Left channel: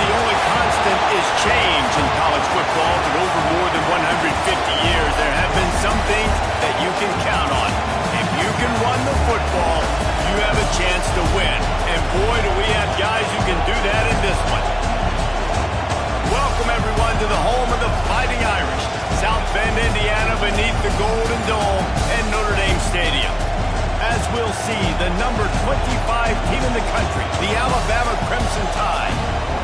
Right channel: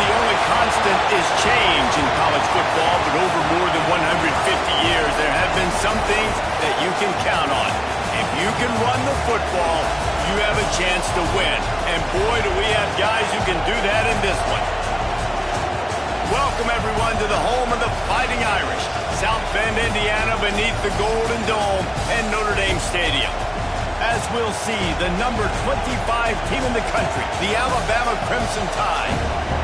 the only constant is change in college football, but over more than 150 years, there have been some things that you can count on. If you can run the football, you have a chance to win. And boy, do we have guys who can do that in this one. Welcome, everyone, to the home of the Fighting Irish, South Bend, Indiana, beneath the Golden Dome and Notre Dame Stadium. As we'll see, the number 25 team in the country, the Alabama Crimson Tide,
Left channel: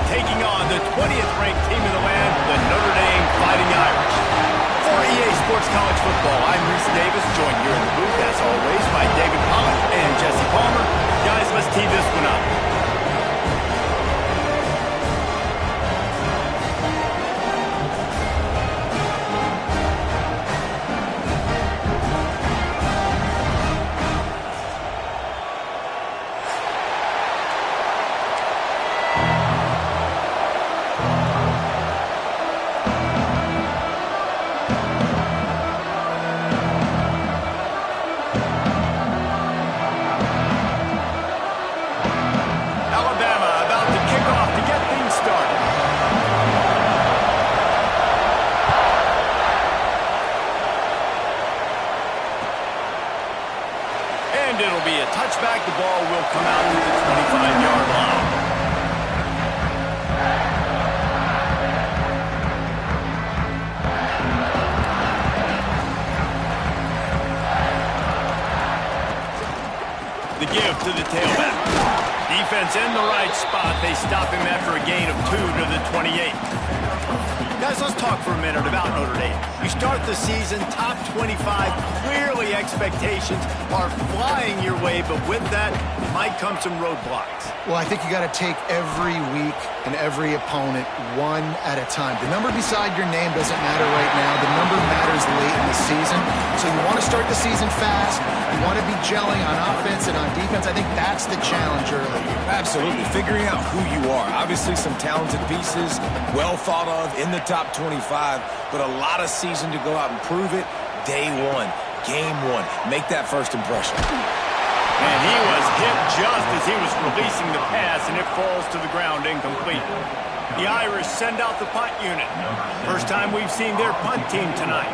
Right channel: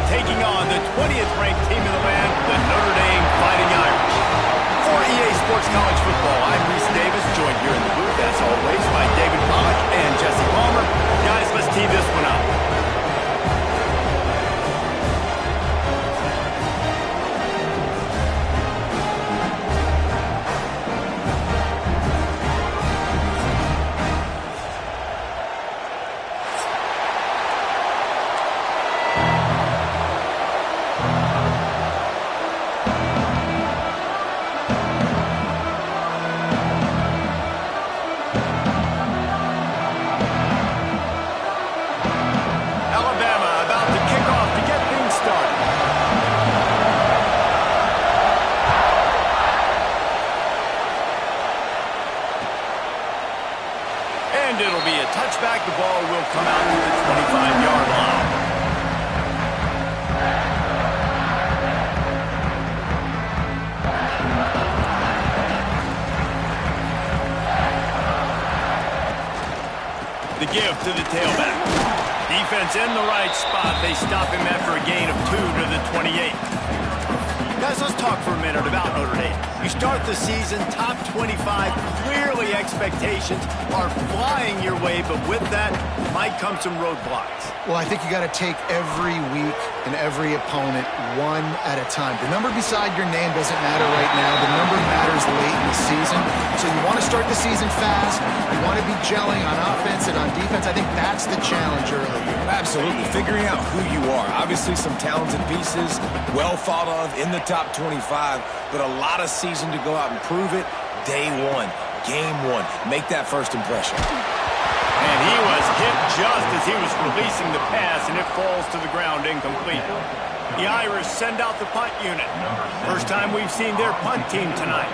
taking on the 20th ranked team in the land, the Notre Dame Fighting Irish. For EA Sports College Football, I'm Reese Davis, joined here in the booth, as always, by David Pollack and Jesse Palmer. Guys, let's tee this one up. And it'll be a touchback. The ball will come out to the 25-yard line. The give to the tailback. Defense in the right spot. They stop him after a gain of 2 to the 28. Guys, let's talk for a minute about Notre Dame. You start the season top 25. Clearly expectations are flying your way, but with that might come some roadblocks. Well, I think you got to take every week and every opponent one at a time. The number beside your name doesn't matter right now. The number matters late in the season. So you want to start the season fast. You want to be gelling on offense and on defense. I think that's the challenge early. Absolutely. Figuring out who you are. Obviously some talented pieces, well thought of in the top 25, but a lot of season to go out and prove it. Day one, game one. Make that first impression. And he was hit just as he was releasing the pass, and it falls to the ground incomplete. The Irish send out the punt unit. First time we've seen their punt team tonight.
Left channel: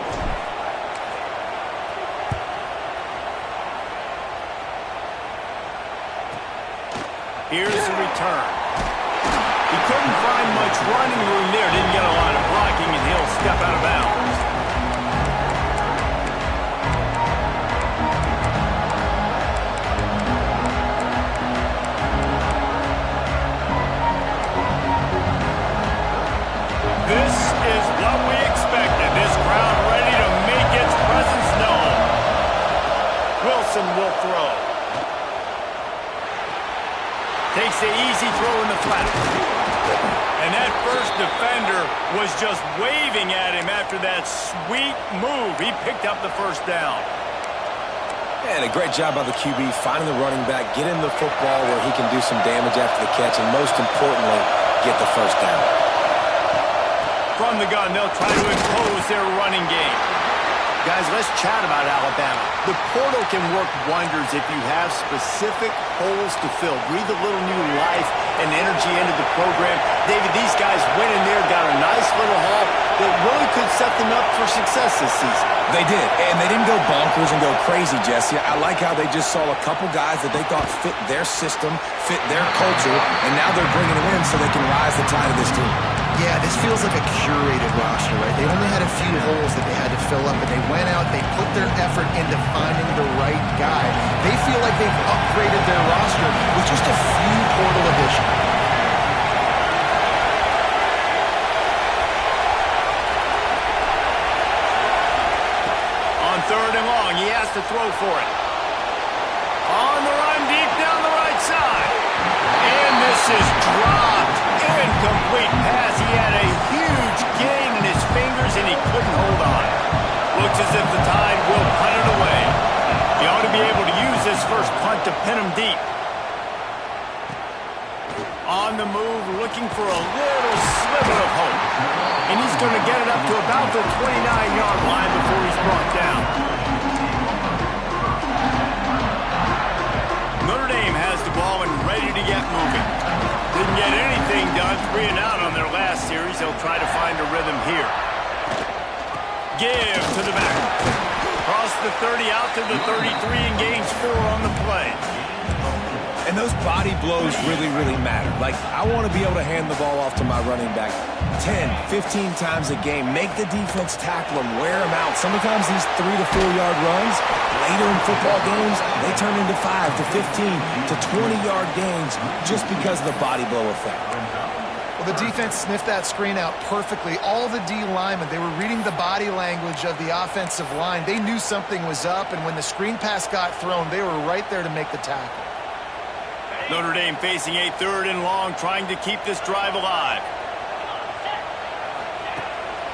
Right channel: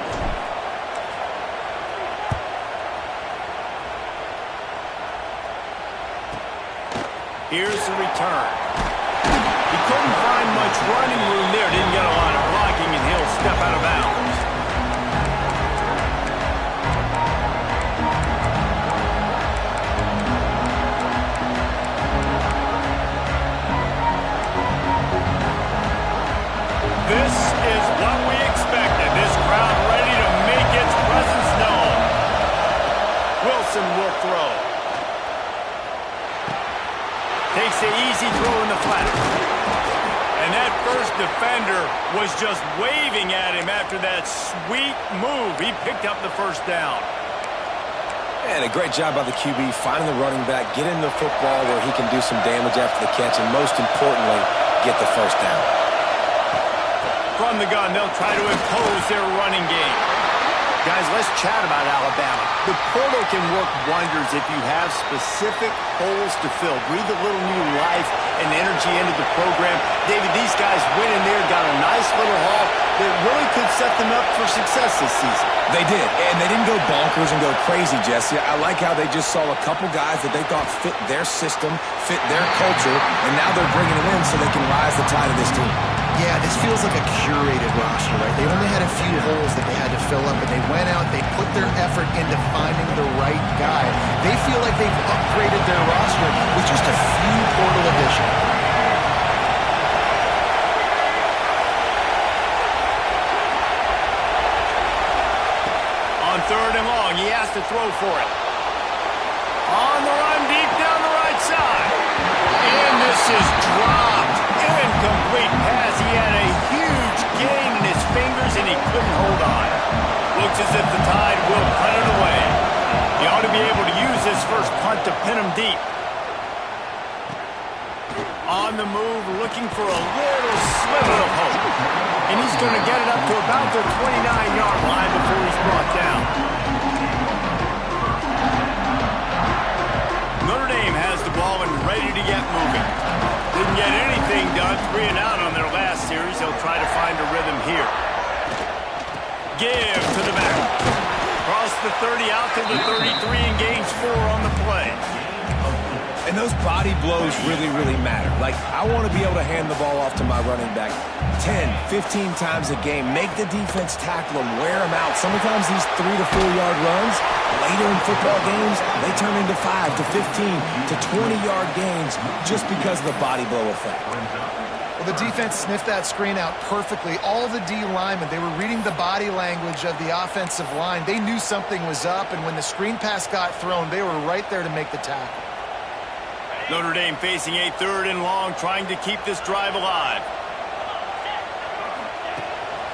Here's the return. He couldn't find much running room there. Didn't get a lot of blocking, and he'll step out of bounds. This is what we expected. This crowd ready to make its presence known. Wilson will throw. Takes the easy throw in the flat. And that first defender was just waving at him after that sweet move. He picked up the first down. And a great job by the QB finding the running back, getting the football where he can do some damage after the catch, and most importantly, get the first down. From the gun, they'll try to impose their running game. Guys, let's chat about Alabama. The portal can work wonders if you have specific holes to fill. Breathe a little new life and energy into the program. David, these guys went in there, got a nice little haul that really could set them up for success this season. They did, and they didn't go bonkers and go crazy, Jesse. I like how they just saw a couple guys that they thought fit their system, fit their culture, and now they're bringing them in so they can rise the tide of this team. Yeah, this feels like a curated roster, right? They only had a few holes that they had to fill up, but they went out, they put their effort into finding the right guy. They feel like they've upgraded their roster with just a few portal additions. On 3rd and long, he has to throw for it. On the run, deep down the right side. And this is dropped. Incomplete pass. He had a huge gain in his fingers, and he couldn't hold on. Looks as if the Tide will punt it away. He ought to be able to use his first punt to pin him deep. On the move, looking for a little sliver of hope. And he's going to get it up to about the 29-yard line before he's brought down. Notre Dame has the ball and ready to get moving. Didn't get anything done. 3 and out on their last series. They'll try to find a rhythm here. Give to the back. Across the 30, out to the 33, and gains 4 on the play. And those body blows really, really matter. Like, I want to be able to hand the ball off to my running back 10, 15 times a game. Make the defense tackle them, wear them out. Sometimes these 3 to 4 yard runs, later in football games, they turn into 5 to 15 to 20-yard gains just because of the body blow effect. Well, the defense sniffed that screen out perfectly. All the D linemen, they were reading the body language of the offensive line. They knew something was up, and when the screen pass got thrown, they were right there to make the tackle. Notre Dame facing a 3rd and long, trying to keep this drive alive.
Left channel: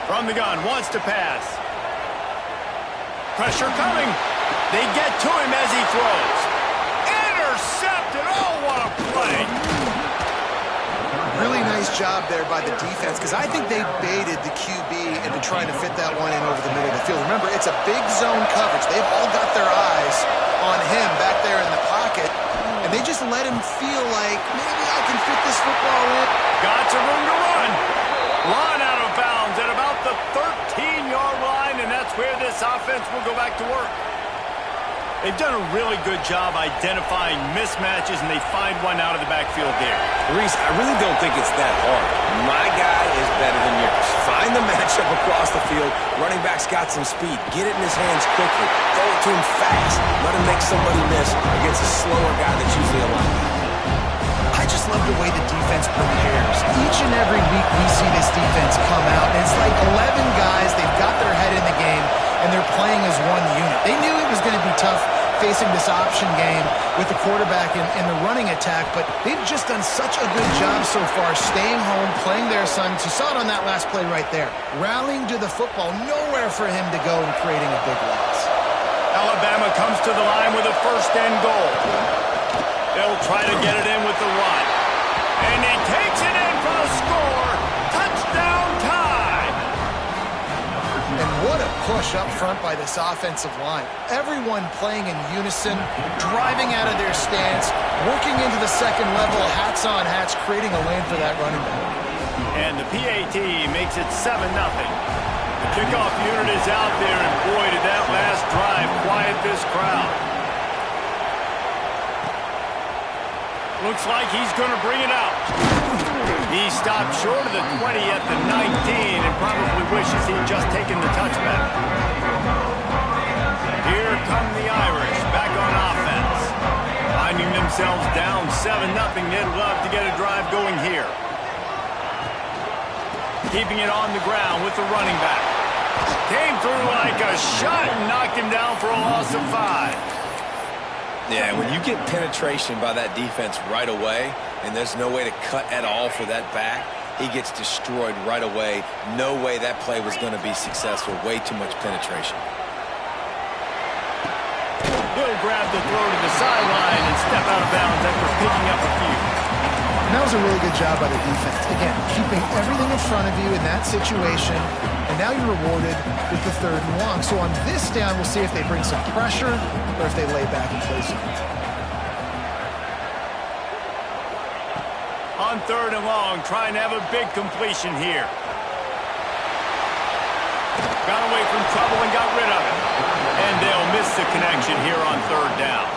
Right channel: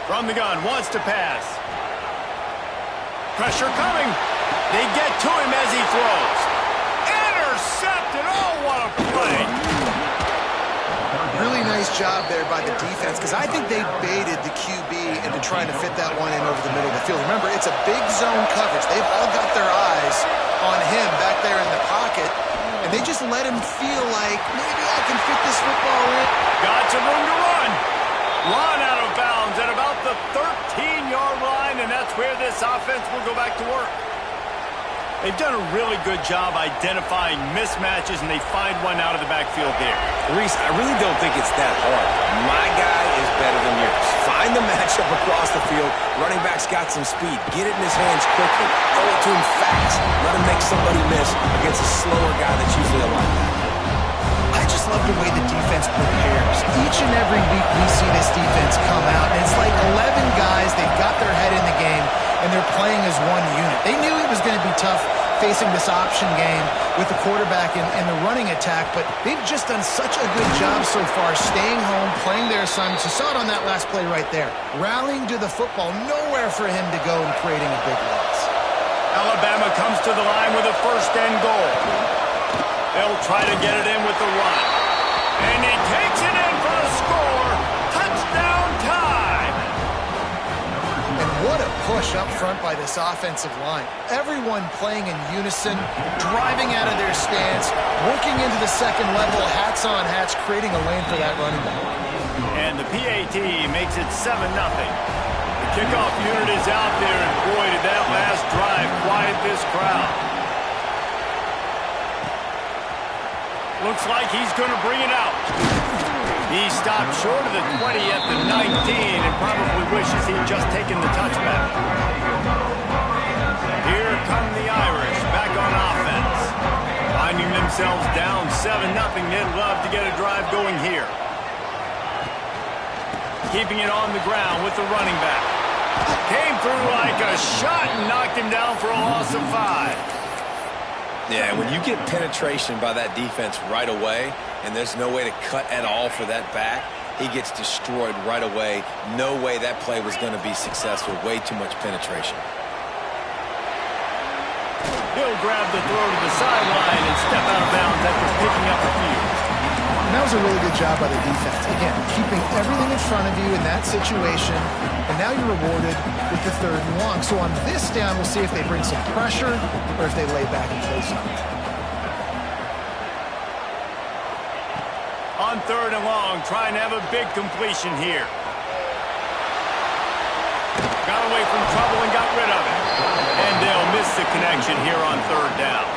From the gun, wants to pass. Pressure coming. They get to him as he throws. Intercepted. Oh, what a play. Really nice job there by the defense, because I think they baited the QB into trying to fit that one in over the middle of the field. Remember, it's a big zone coverage. They've all got their eyes on him back there in the pocket, and they just let him feel like, maybe I can fit this football in. Got some room to run. Run out of bounds at about the 13-yard line, and that's where this offense will go back to work. They've done a really good job identifying mismatches, and they find one out of the backfield there. Reese, I really don't think it's that hard. My guy is better than yours. Find the matchup across the field. Running back's got some speed. Get it in his hands quickly. Throw it to him fast. Let him make somebody miss against a slower guy that's usually a linebacker. I just love the way the defense prepares. Each and every week we see this defense come out, and it's like 11 guys, they've got their head in the game, and they're playing as one unit. They knew it was going to be tough facing this option game with the quarterback in the running attack, but they've just done such a good job so far staying home, playing their assignments. You saw it on that last play right there. Rallying to the football, nowhere for him to go and creating a big loss. Alabama comes to the line with a 1st and goal. They'll try to get it in with the run. And he takes it in for the score. Touchdown time. And what a push up front by this offensive line. Everyone playing in unison, driving out of their stance, working into the second level, hats on hats, creating a lane for that running back. And the PAT makes it 7-0. The kickoff unit is out there, and boy, did that last drive quiet this crowd. Looks like he's going to bring it out. He stopped short of the 20 at the 19 and probably wishes he'd just taken the touchback. Here come the Irish back on offense. Finding themselves down 7-0, they'd love to get a drive going here. Keeping it on the ground with the running back. Came through like a shot and knocked him down for a loss of 5. Yeah, when you get penetration by that defense right away, and there's no way to cut at all for that back, he gets destroyed right away. No way that play was going to be successful. Way too much penetration. He'll grab the throw to the sideline and step out of bounds after picking up a few. And that was a really good job by the defense. Again, keeping everything in front of you in that situation, and now you're rewarded with the 3rd and long. So on this down, we'll see if they bring some pressure or if they lay back and play something. On 3rd and long, trying to have a big completion here. Got away from trouble and got rid of it. And they'll miss the connection here on 3rd down.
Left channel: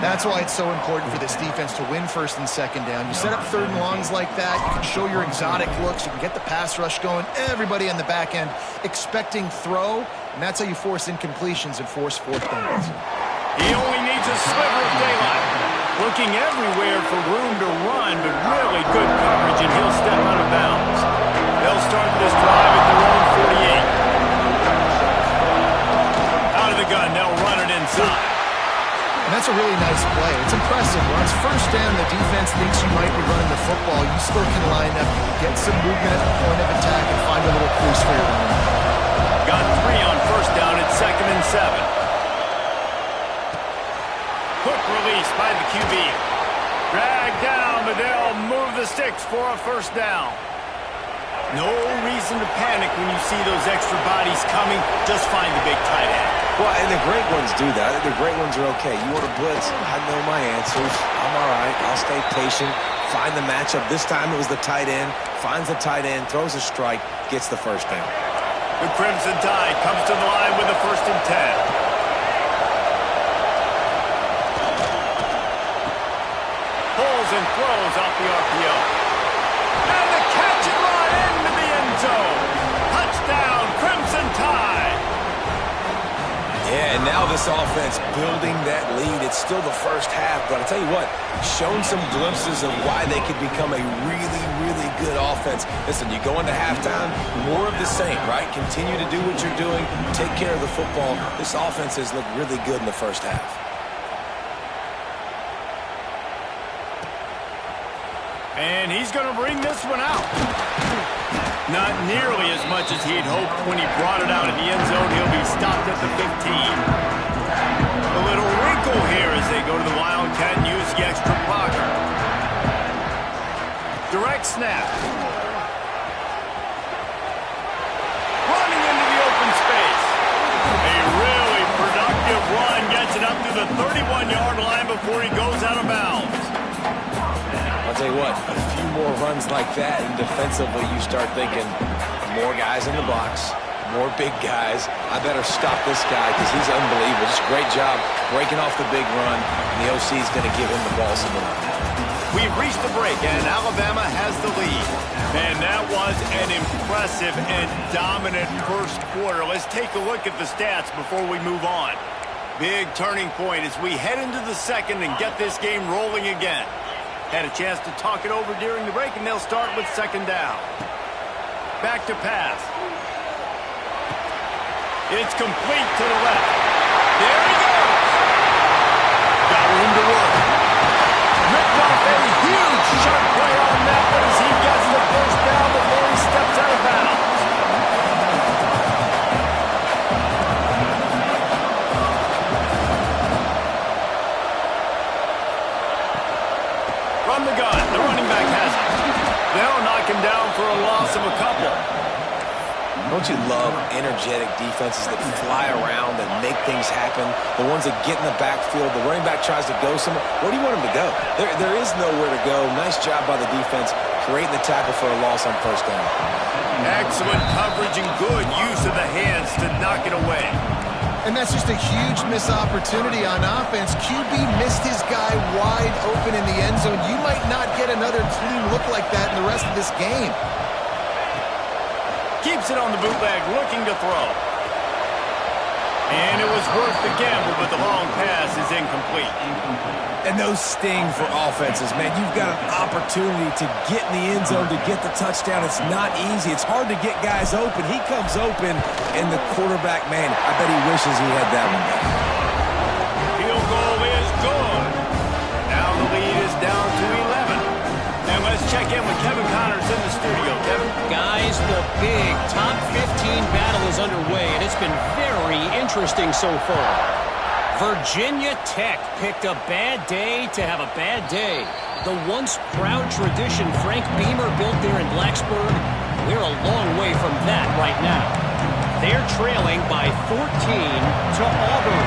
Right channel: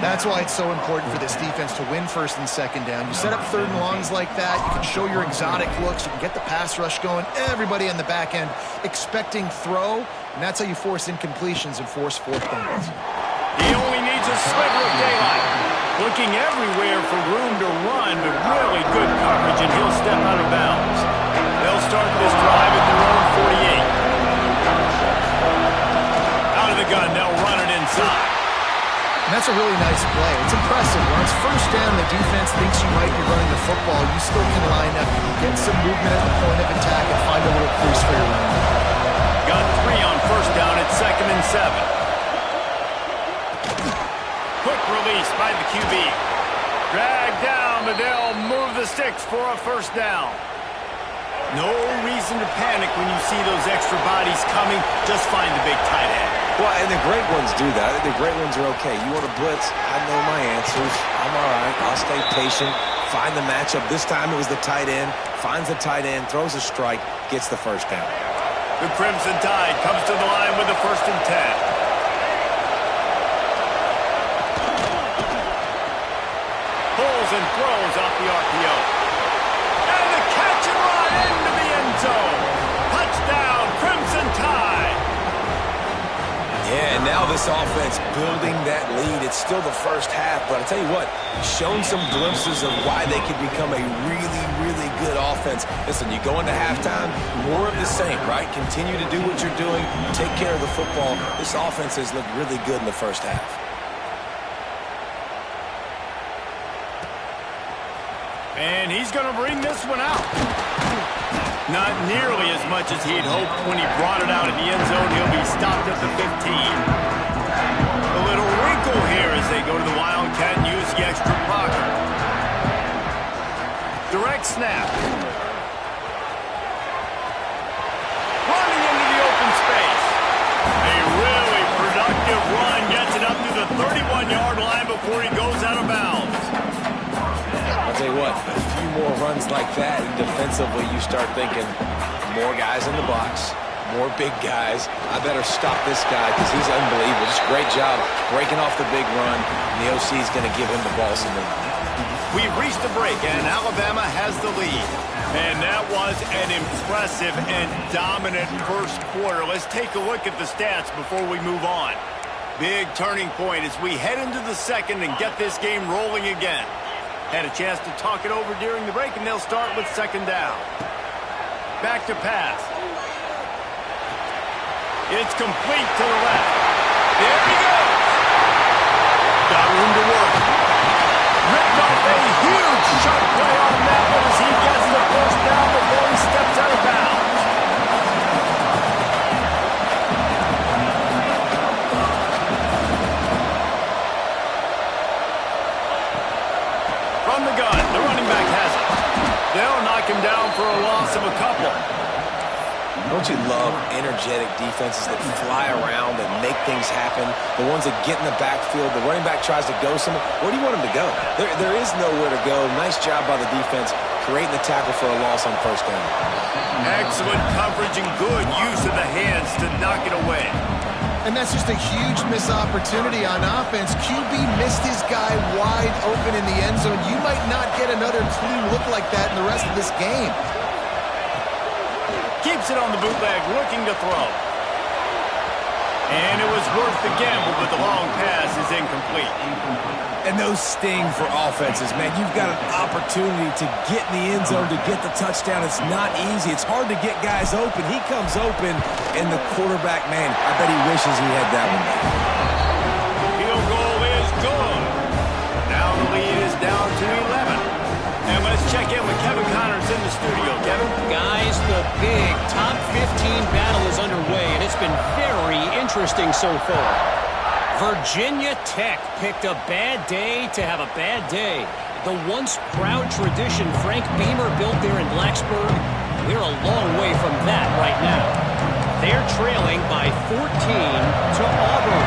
That's why it's so important for this defense to win 1st and 2nd down. You set up 3rd and longs like that, you can show your exotic looks, you can get the pass rush going, everybody on the back end expecting throw, and that's how you force incompletions and force 4th downs. He only needs a sliver of daylight. Looking everywhere for room to run, but really good coverage, and he'll step out of bounds. They'll start this drive at their own 48. Out of the gun, they'll run it inside. And that's a really nice play. It's impressive. When it's 1st down, the defense thinks you might be running the football. You still can line up. You can get some movement at the point of attack and find a little crease for your running back. Got 3 on 1st down at 2nd and 7. Quick release by the QB. Dragged down, but they'll move the sticks for a 1st down. No reason to panic when you see those extra bodies coming. Just find the big tight end. Well, and the great ones do that. The great ones are okay. You want to blitz, I know my answers. I'm all right. I'll stay patient. find the matchup. This time it was the tight end. Finds the tight end, throws a strike, gets the first down. The Crimson Tide comes to the line with a 1st and 10. Pulls and throws off the RPO. And the catch and run into the end zone. Touchdown, Crimson Tide. Yeah, and now this offense building that lead. It's still the first half, but I tell you what, shown some glimpses of why they could become a really, really good offense. Listen, you go into halftime, more of the same, right? Continue to do what you're doing, take care of the football. This offense has looked really good in the first half. And he's going to bring this one out. Not nearly as much as he'd hoped when he brought it out of the end zone. He'll be stopped at the 15. A little wrinkle here as they go to the Wildcat and use the extra blocker. Direct snap. Running into the open space. A really productive run gets it up to the 31-yard line before he goes out of bounds. I'll tell you what, a few more runs like that, and defensively you start thinking, more guys in the box, more big guys. I better stop this guy because he's unbelievable. Just a great job breaking off the big run, and the OC is going to give him the ball some more. We've reached the break, and Alabama has the lead. And that was an impressive and dominant first quarter. Let's take a look at the stats before we move on. Big turning point as we head into the second and get this game rolling again. Had a chance to talk it over during the break, and they'll start with 2nd down. Back to pass. It's complete to the left. There he goes. Got room to work. Ripped off a huge sharp play on that one as he gets the first down before he steps out of bounds. From the gun, the running back has it. They'll knock him down for a loss of a couple. Don't you love energetic defenses that fly around and make things happen? The ones that get in the backfield, the running back tries to go somewhere. Where do you want him to go? There is nowhere to go. Nice job by the defense creating the tackle for a loss on 1st down. Excellent coverage and good use of the hands to knock it away. And that's just a huge missed opportunity on offense. QB missed his guy wide open in the end zone. You might not get another clean look like that in the rest of this game. Keeps it on the bootleg, looking to throw. And it was worth the gamble, but the long pass is incomplete. And those sting for offenses, man. You've got an opportunity to get in the end zone to get the touchdown. It's not easy. It's hard to get guys open. He comes open, and the quarterback, man, I bet he wishes he had that one. Field goal is good. Now the lead is down to 11. And let's check in with Kevin Connors in the studio. Kevin? Guys, the big top 15 battle is underway, and it's been very interesting so far. Virginia Tech picked a bad day to have a bad day. The once proud tradition Frank Beamer built there in Blacksburg, we're a long way from that right now. They're trailing by 14 to Auburn.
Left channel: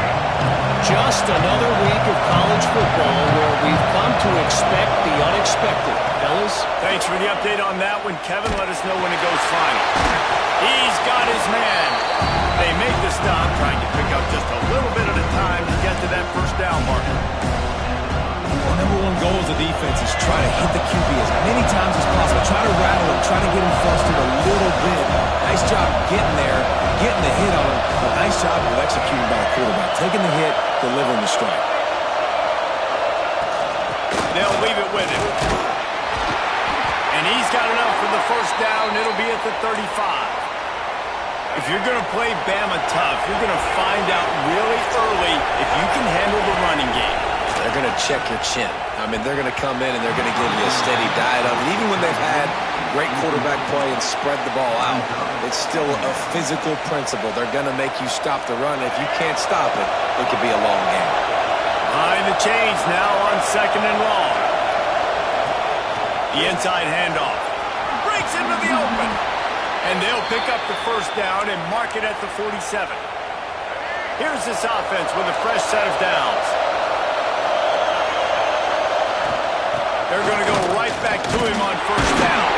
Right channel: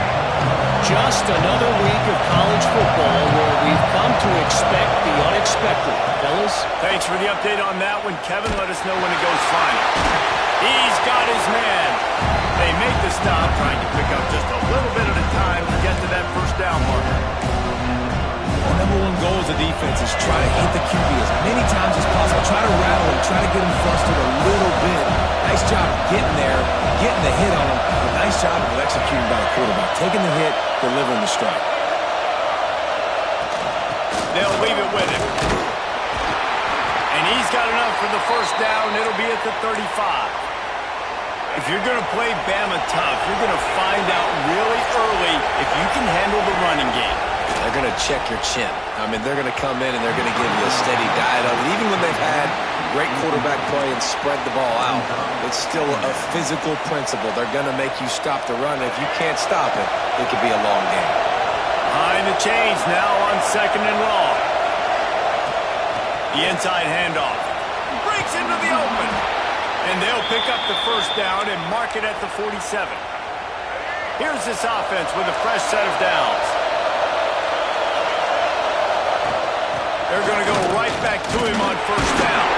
Just another week of college football where we've come to expect the unexpected. Fellas? Thanks for the update on that one, Kevin. Let us know when it goes final. He's got his man. They make the stop, trying to pick up just a little bit at a time to get to that 1st down marker. The number one goal as a defense is try to hit the QB as many times as possible. Try to rattle him, try to get him flustered a little bit. Nice job getting there, getting the hit on him. But nice job of executing by the quarterback. Taking the hit, delivering the strike. They'll leave it with him. And he's got enough for the 1st down. It'll be at the 35. If you're going to play Bama tough, you're going to find out really early if you can handle the running game. They're going to check your chin. I mean, they're going to come in and they're going to give you a steady diet of it. Even when they've had great quarterback play and spread the ball out, it's still a physical principle. They're going to make you stop the run. If you can't stop it, it could be a long game. Behind the chains now on 2nd and long. The inside handoff. Breaks into the open. And they'll pick up the 1st down and mark it at the 47. Here's this offense with a fresh set of downs. They're going to go right back to him on first down.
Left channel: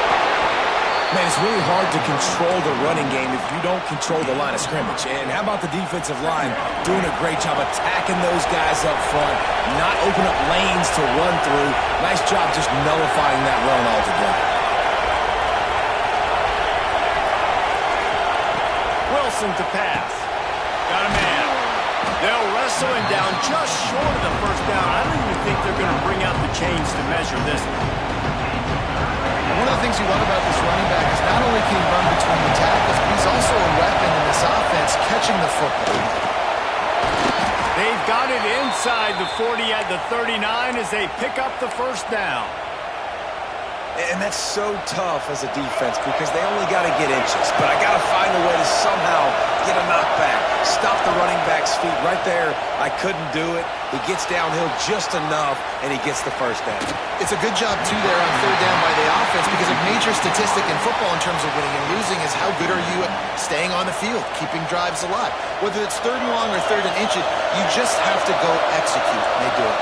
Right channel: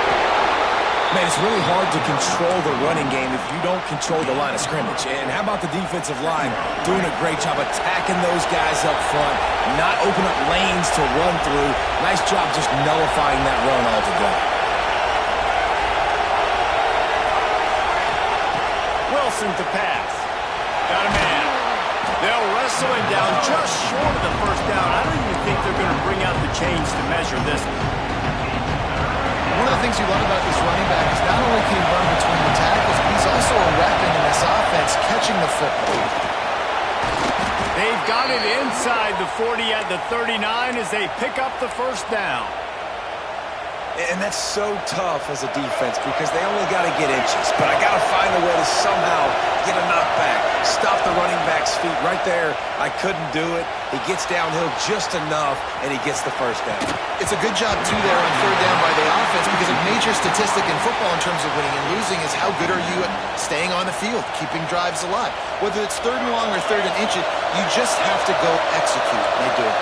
Man, it's really hard to control the running game if you don't control the line of scrimmage. And how about the defensive line doing a great job attacking those guys up front, not open up lanes to run through. Nice job just nullifying that run altogether. Wilson to pass. Got a man. They'll wrestle him down just short of the first down. I don't even think they're going to bring out the chains to measure this. One of the things you love about this running back is not only can he run between the tackles, but he's also a weapon in this offense catching the football. They've got it inside the 40 at the 39 as they pick up the first down. And that's so tough as a defense because they only got to get inches. But I got to find a way to somehow get a knockback, stop the running back's feet right there. I couldn't do it. He gets downhill just enough, and he gets the first down. It's a good job, too, there on third down by the offense because a major statistic in football in terms of winning and losing is how good are you at staying on the field, keeping drives alive. Whether it's third and long or third and inches, you just have to go execute, and they do it.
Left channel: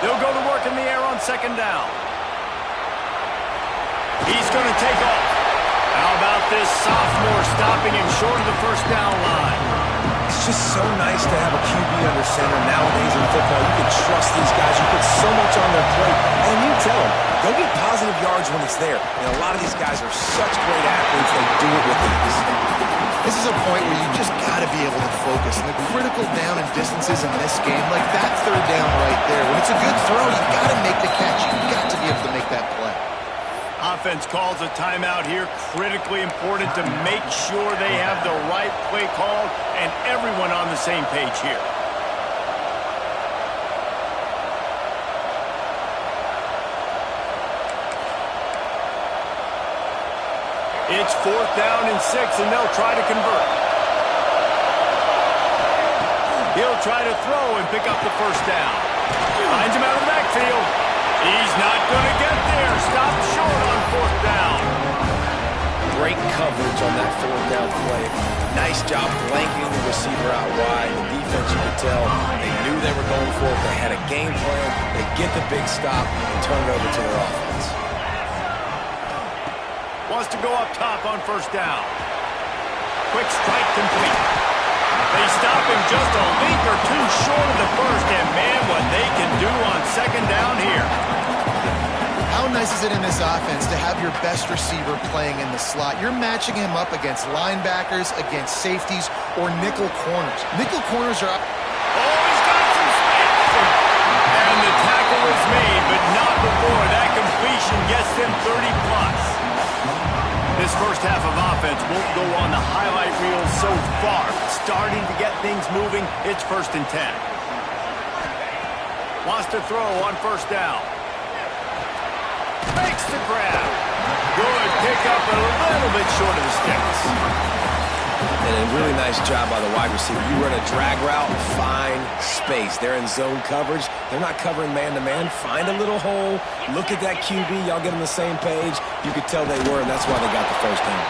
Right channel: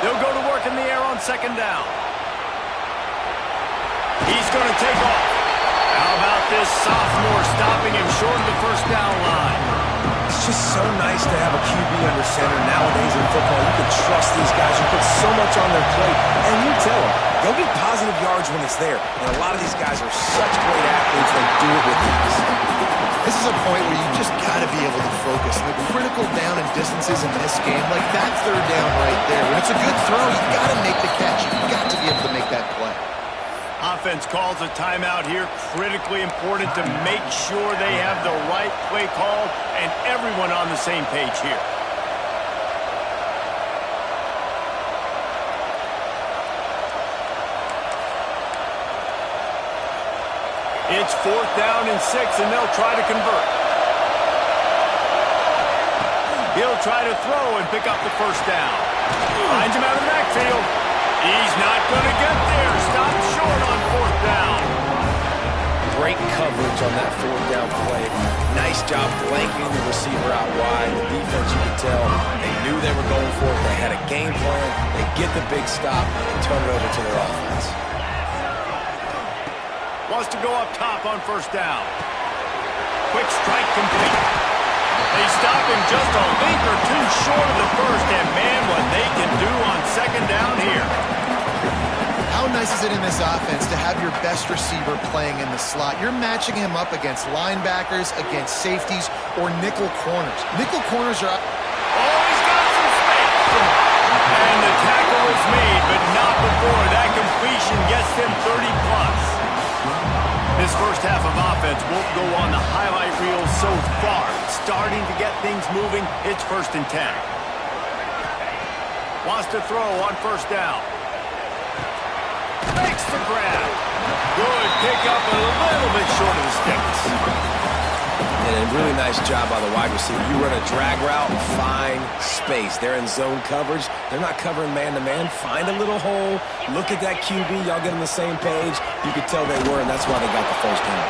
They'll go to work in the air on second down. He's going to take off. How about this sophomore stopping him short of the first down line? It's just so nice to have a QB under center nowadays in football. You can trust these guys. You put so much on their plate, and you tell them, go get positive yards when it's there. And a lot of these guys are such great athletes, they do it with ease. This is a point where you just got to be able to focus. And the critical down and distances in this game, like that third down right there, when it's a good throw, you got to make the catch. You got to be able to make that play. Offense calls a timeout here. Critically important to make sure they have the right play called and everyone on the same page here. It's fourth down and 6, and they'll try to convert. He'll try to throw and pick up the first down. Finds him out of the backfield. He's not going to get there. Stopped short on fourth down. Great coverage on that fourth down play. Nice job blanking the receiver out wide. The defense, you could tell, they knew they were going for it. They had a game plan. They get the big stop and turn it over to their offense. Wants to go up top on first down. Quick strike complete. They stop him just a link or two short of the first, and man, what they can do on second down here. How nice is it in this offense to have your best receiver playing in the slot? You're matching him up against linebackers, against safeties, or nickel corners. Nickel corners are... Oh, he's got some space. And the tackle is made, but not before. That completion gets them 30+. This first half of offense won't go on the highlight reel so far. Starting to get things moving. It's 1st and 10. Wants to throw on first down. Makes the grab. Good pick up a little bit short of the sticks. And a really nice job by the wide receiver. You run a drag route, find space. They're in zone coverage. They're not covering man-to-man. Find a little hole. Look at that QB. Y'all get on the same page. You could tell they were, and that's why they got the first down.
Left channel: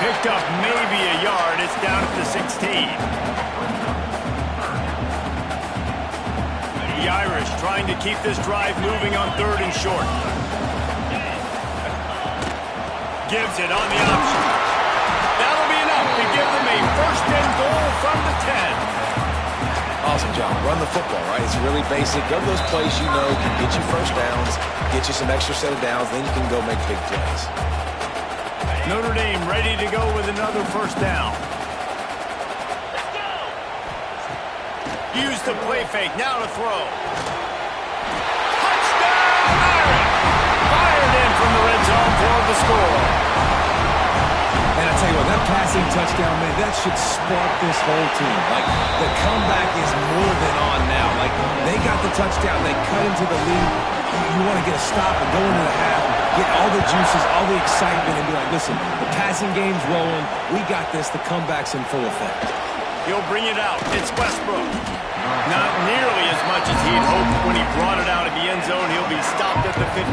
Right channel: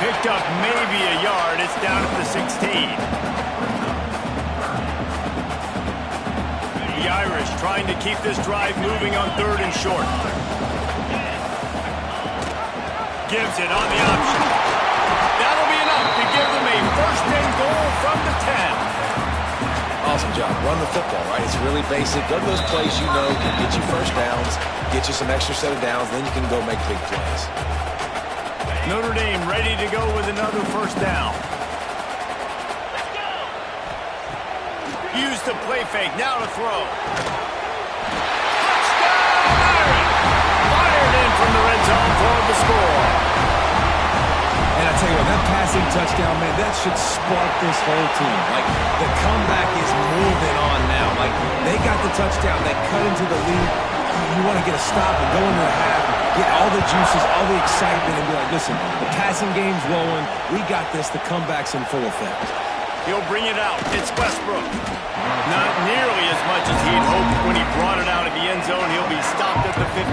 Picked up maybe a yard. It's down at the 16. The Irish trying to keep this drive moving on 3rd and short. Gives it on the option. That'll be enough to give them a 1st and goal from the 10. Awesome job. Run the football, right? It's really basic. Go to those plays you know can get you first downs, get you some extra set of downs, then you can go make big plays. Notre Dame ready to go with another first down. Let's go! Use the play fake. Now to throw. Touchdown, Irish! Fired in from the red zone for the score. And I tell you what, that passing touchdown, man, that should spark this whole team. Like, the comeback is more than on now. Like, they got the touchdown. They cut into the lead. You want to get a stop and go into the half, get all the juices, all the excitement, and be like, listen, the passing game's rolling. We got this. The comeback's in full effect. He'll bring it out. It's Westbrook. Not nearly as much as he'd hoped when he brought it out of the end zone. He'll be stopped at the 15.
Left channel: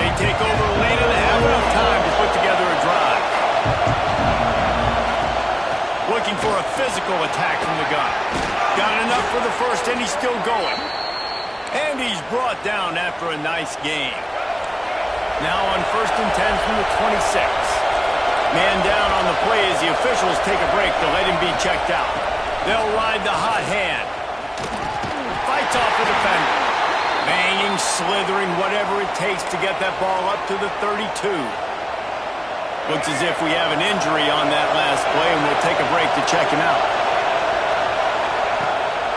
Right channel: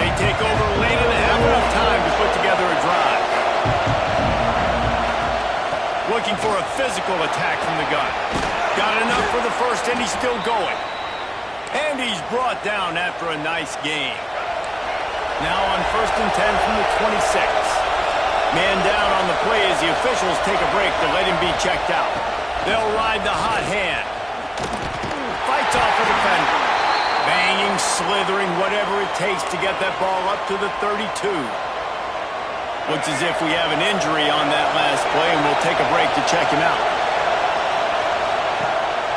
They take over late and have enough time to put together a drive. Looking for a physical attack from the gun. Got enough for the first, and he's still going. And he's brought down after a nice game. Now on 1st and 10 from the 26. Man down on the play as the officials take a break to let him be checked out. They'll ride the hot hand. Fights off a defender. Banging, slithering, whatever it takes to get that ball up to the 32. Looks as if we have an injury on that last play, and we'll take a break to check him out.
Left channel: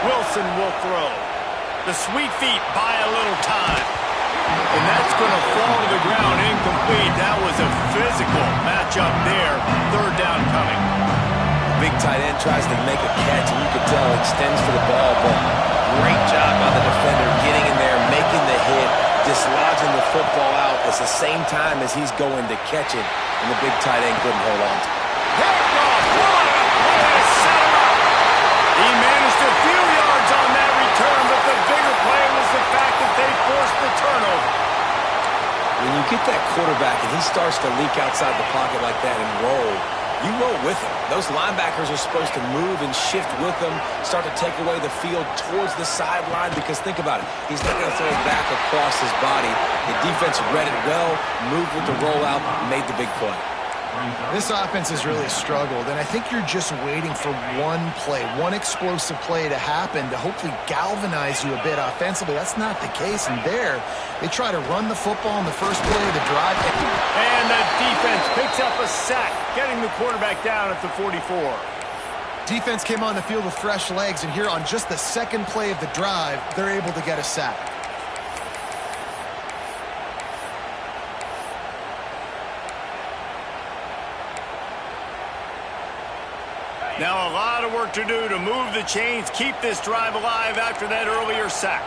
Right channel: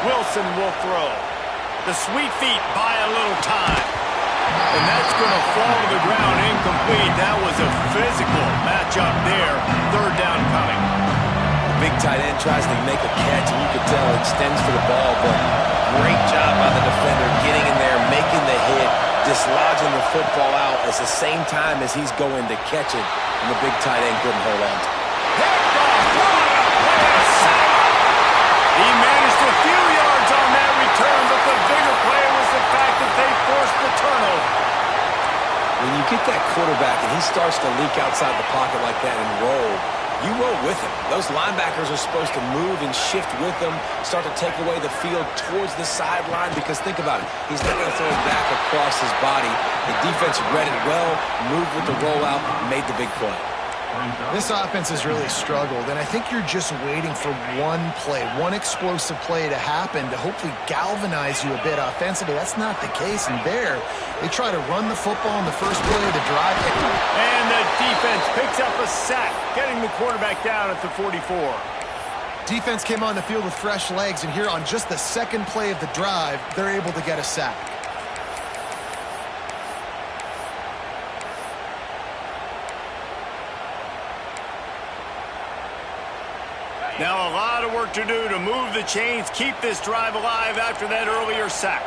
Wilson will throw. The sweet feet buy a little time. And that's going to fall to the ground incomplete. That was a physical matchup there. 3rd down coming. Big tight end tries to make a catch, and you could tell extends for the ball, but great job by the defender getting in there, making the hit, dislodging the football out at the same time as he's going to catch it, and the big tight end couldn't hold on to it. Picked off. What a play to set him up. He managed a few yards on that return, but the bigger play was the fact that they forced the turnover. When you get that quarterback and he starts to leak outside the pocket like that and roll, you roll with him. Those linebackers are supposed to move and shift with him, start to take away the field towards the sideline, because think about it. He's not going to throw it back across his body. The defense read it well, moved with the rollout, made the big play. This offense has really struggled, and I think you're just waiting for one play, one explosive play to happen to hopefully galvanize you a bit offensively. That's not the case, and there, they try to run the football in the first play of the drive. And the defense picks up a sack, getting the quarterback down at the 44. Defense came on the field with fresh legs, and here on just the second play of the drive, they're able to get a sack. Now a lot of work to do to move the chains, keep this drive alive after that earlier sack.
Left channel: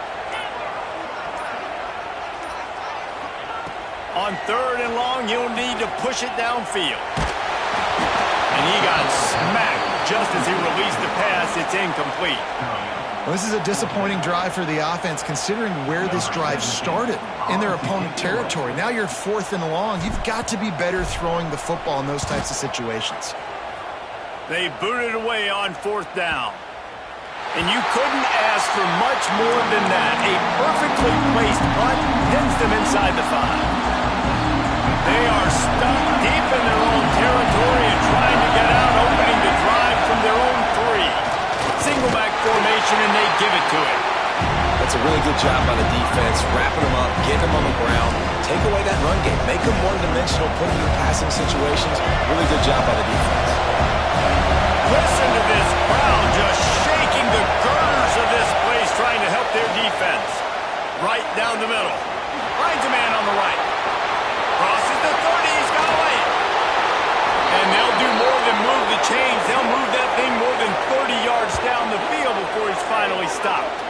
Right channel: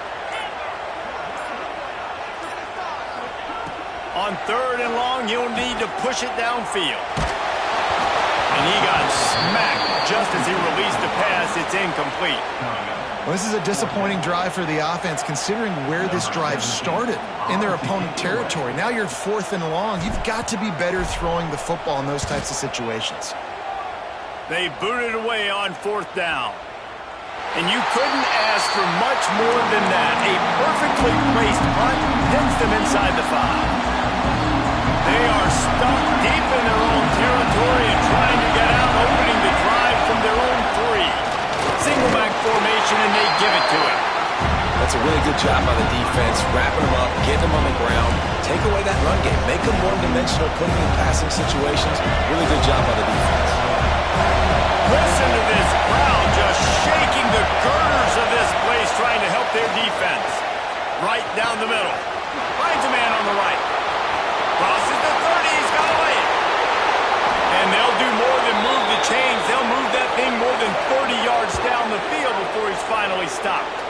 On 3rd and long, you'll need to push it downfield. And he got smacked just as he released the pass. It's incomplete. Well, this is a disappointing drive for the offense, considering where this drive started, in their opponent territory. Now you're 4th and long. You've got to be better throwing the football in those types of situations. They booted away on 4th down. And you couldn't ask for much more than that. A perfectly placed punt pins them inside the 5. They are stuck deep in their own territory and trying to get out, opening the drive from their own 3. Single back formation, and they give it to him. That's a really good job by the defense, wrapping them up, getting them on the ground, take away that run game, make them one-dimensional, putting them in passing situations. Really good job by the defense. Listen to this crowd just shaking the girders of this place, trying to help their defense. Right down the middle. Finds a man on the right. Crosses the 30. He's got to lay it. And they'll do more than move the chains. They'll move that thing more than 30 yards down the field before he's finally stopped.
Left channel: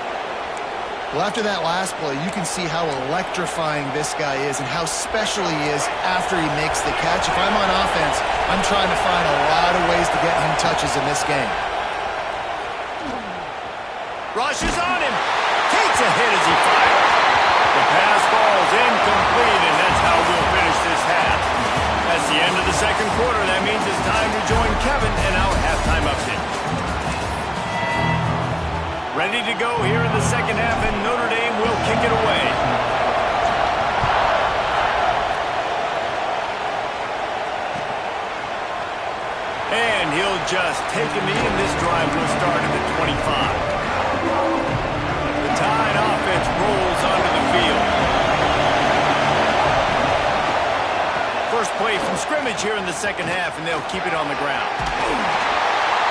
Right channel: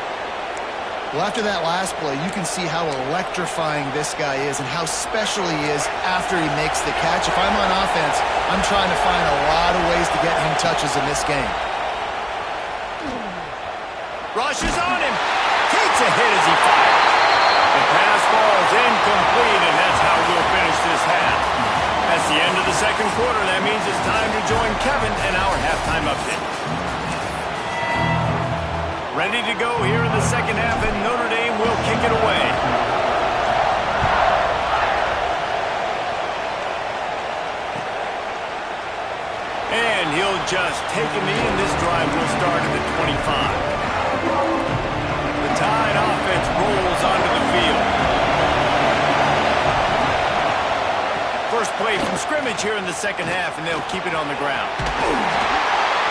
Well, after that last play, you can see how electrifying this guy is and how special he is after he makes the catch. If I'm on offense, I'm trying to find a lot of ways to get him touches in this game. Rushes on him. Takes a hit as he fires. The pass falls incomplete, and that's how we'll finish this half. That's the end of the 2nd quarter. That means it's time to join Kevin in our halftime update. Ready to go here in the 2nd half, and Notre Dame will kick it away. And he'll just take a knee, and this drive will start at the 25. The Tide offense rolls onto the field. First play from scrimmage here in the 2nd half, and they'll keep it on the ground.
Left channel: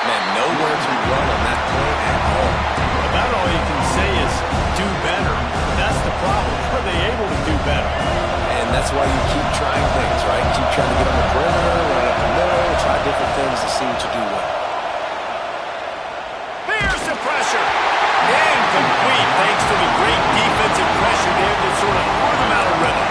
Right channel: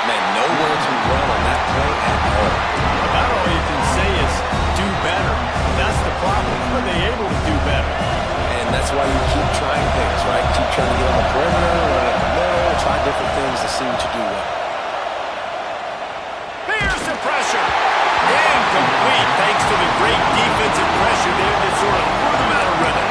Man, nowhere to run on that play at all. About all you can say is do better. That's the problem. Are they able to do better? And that's why you keep trying things, right? Keep trying to get on the perimeter, run up the middle, try different things to see what you do well. Here's the pressure. Incomplete, thanks to the great defensive pressure there that sort of threw them out of rhythm.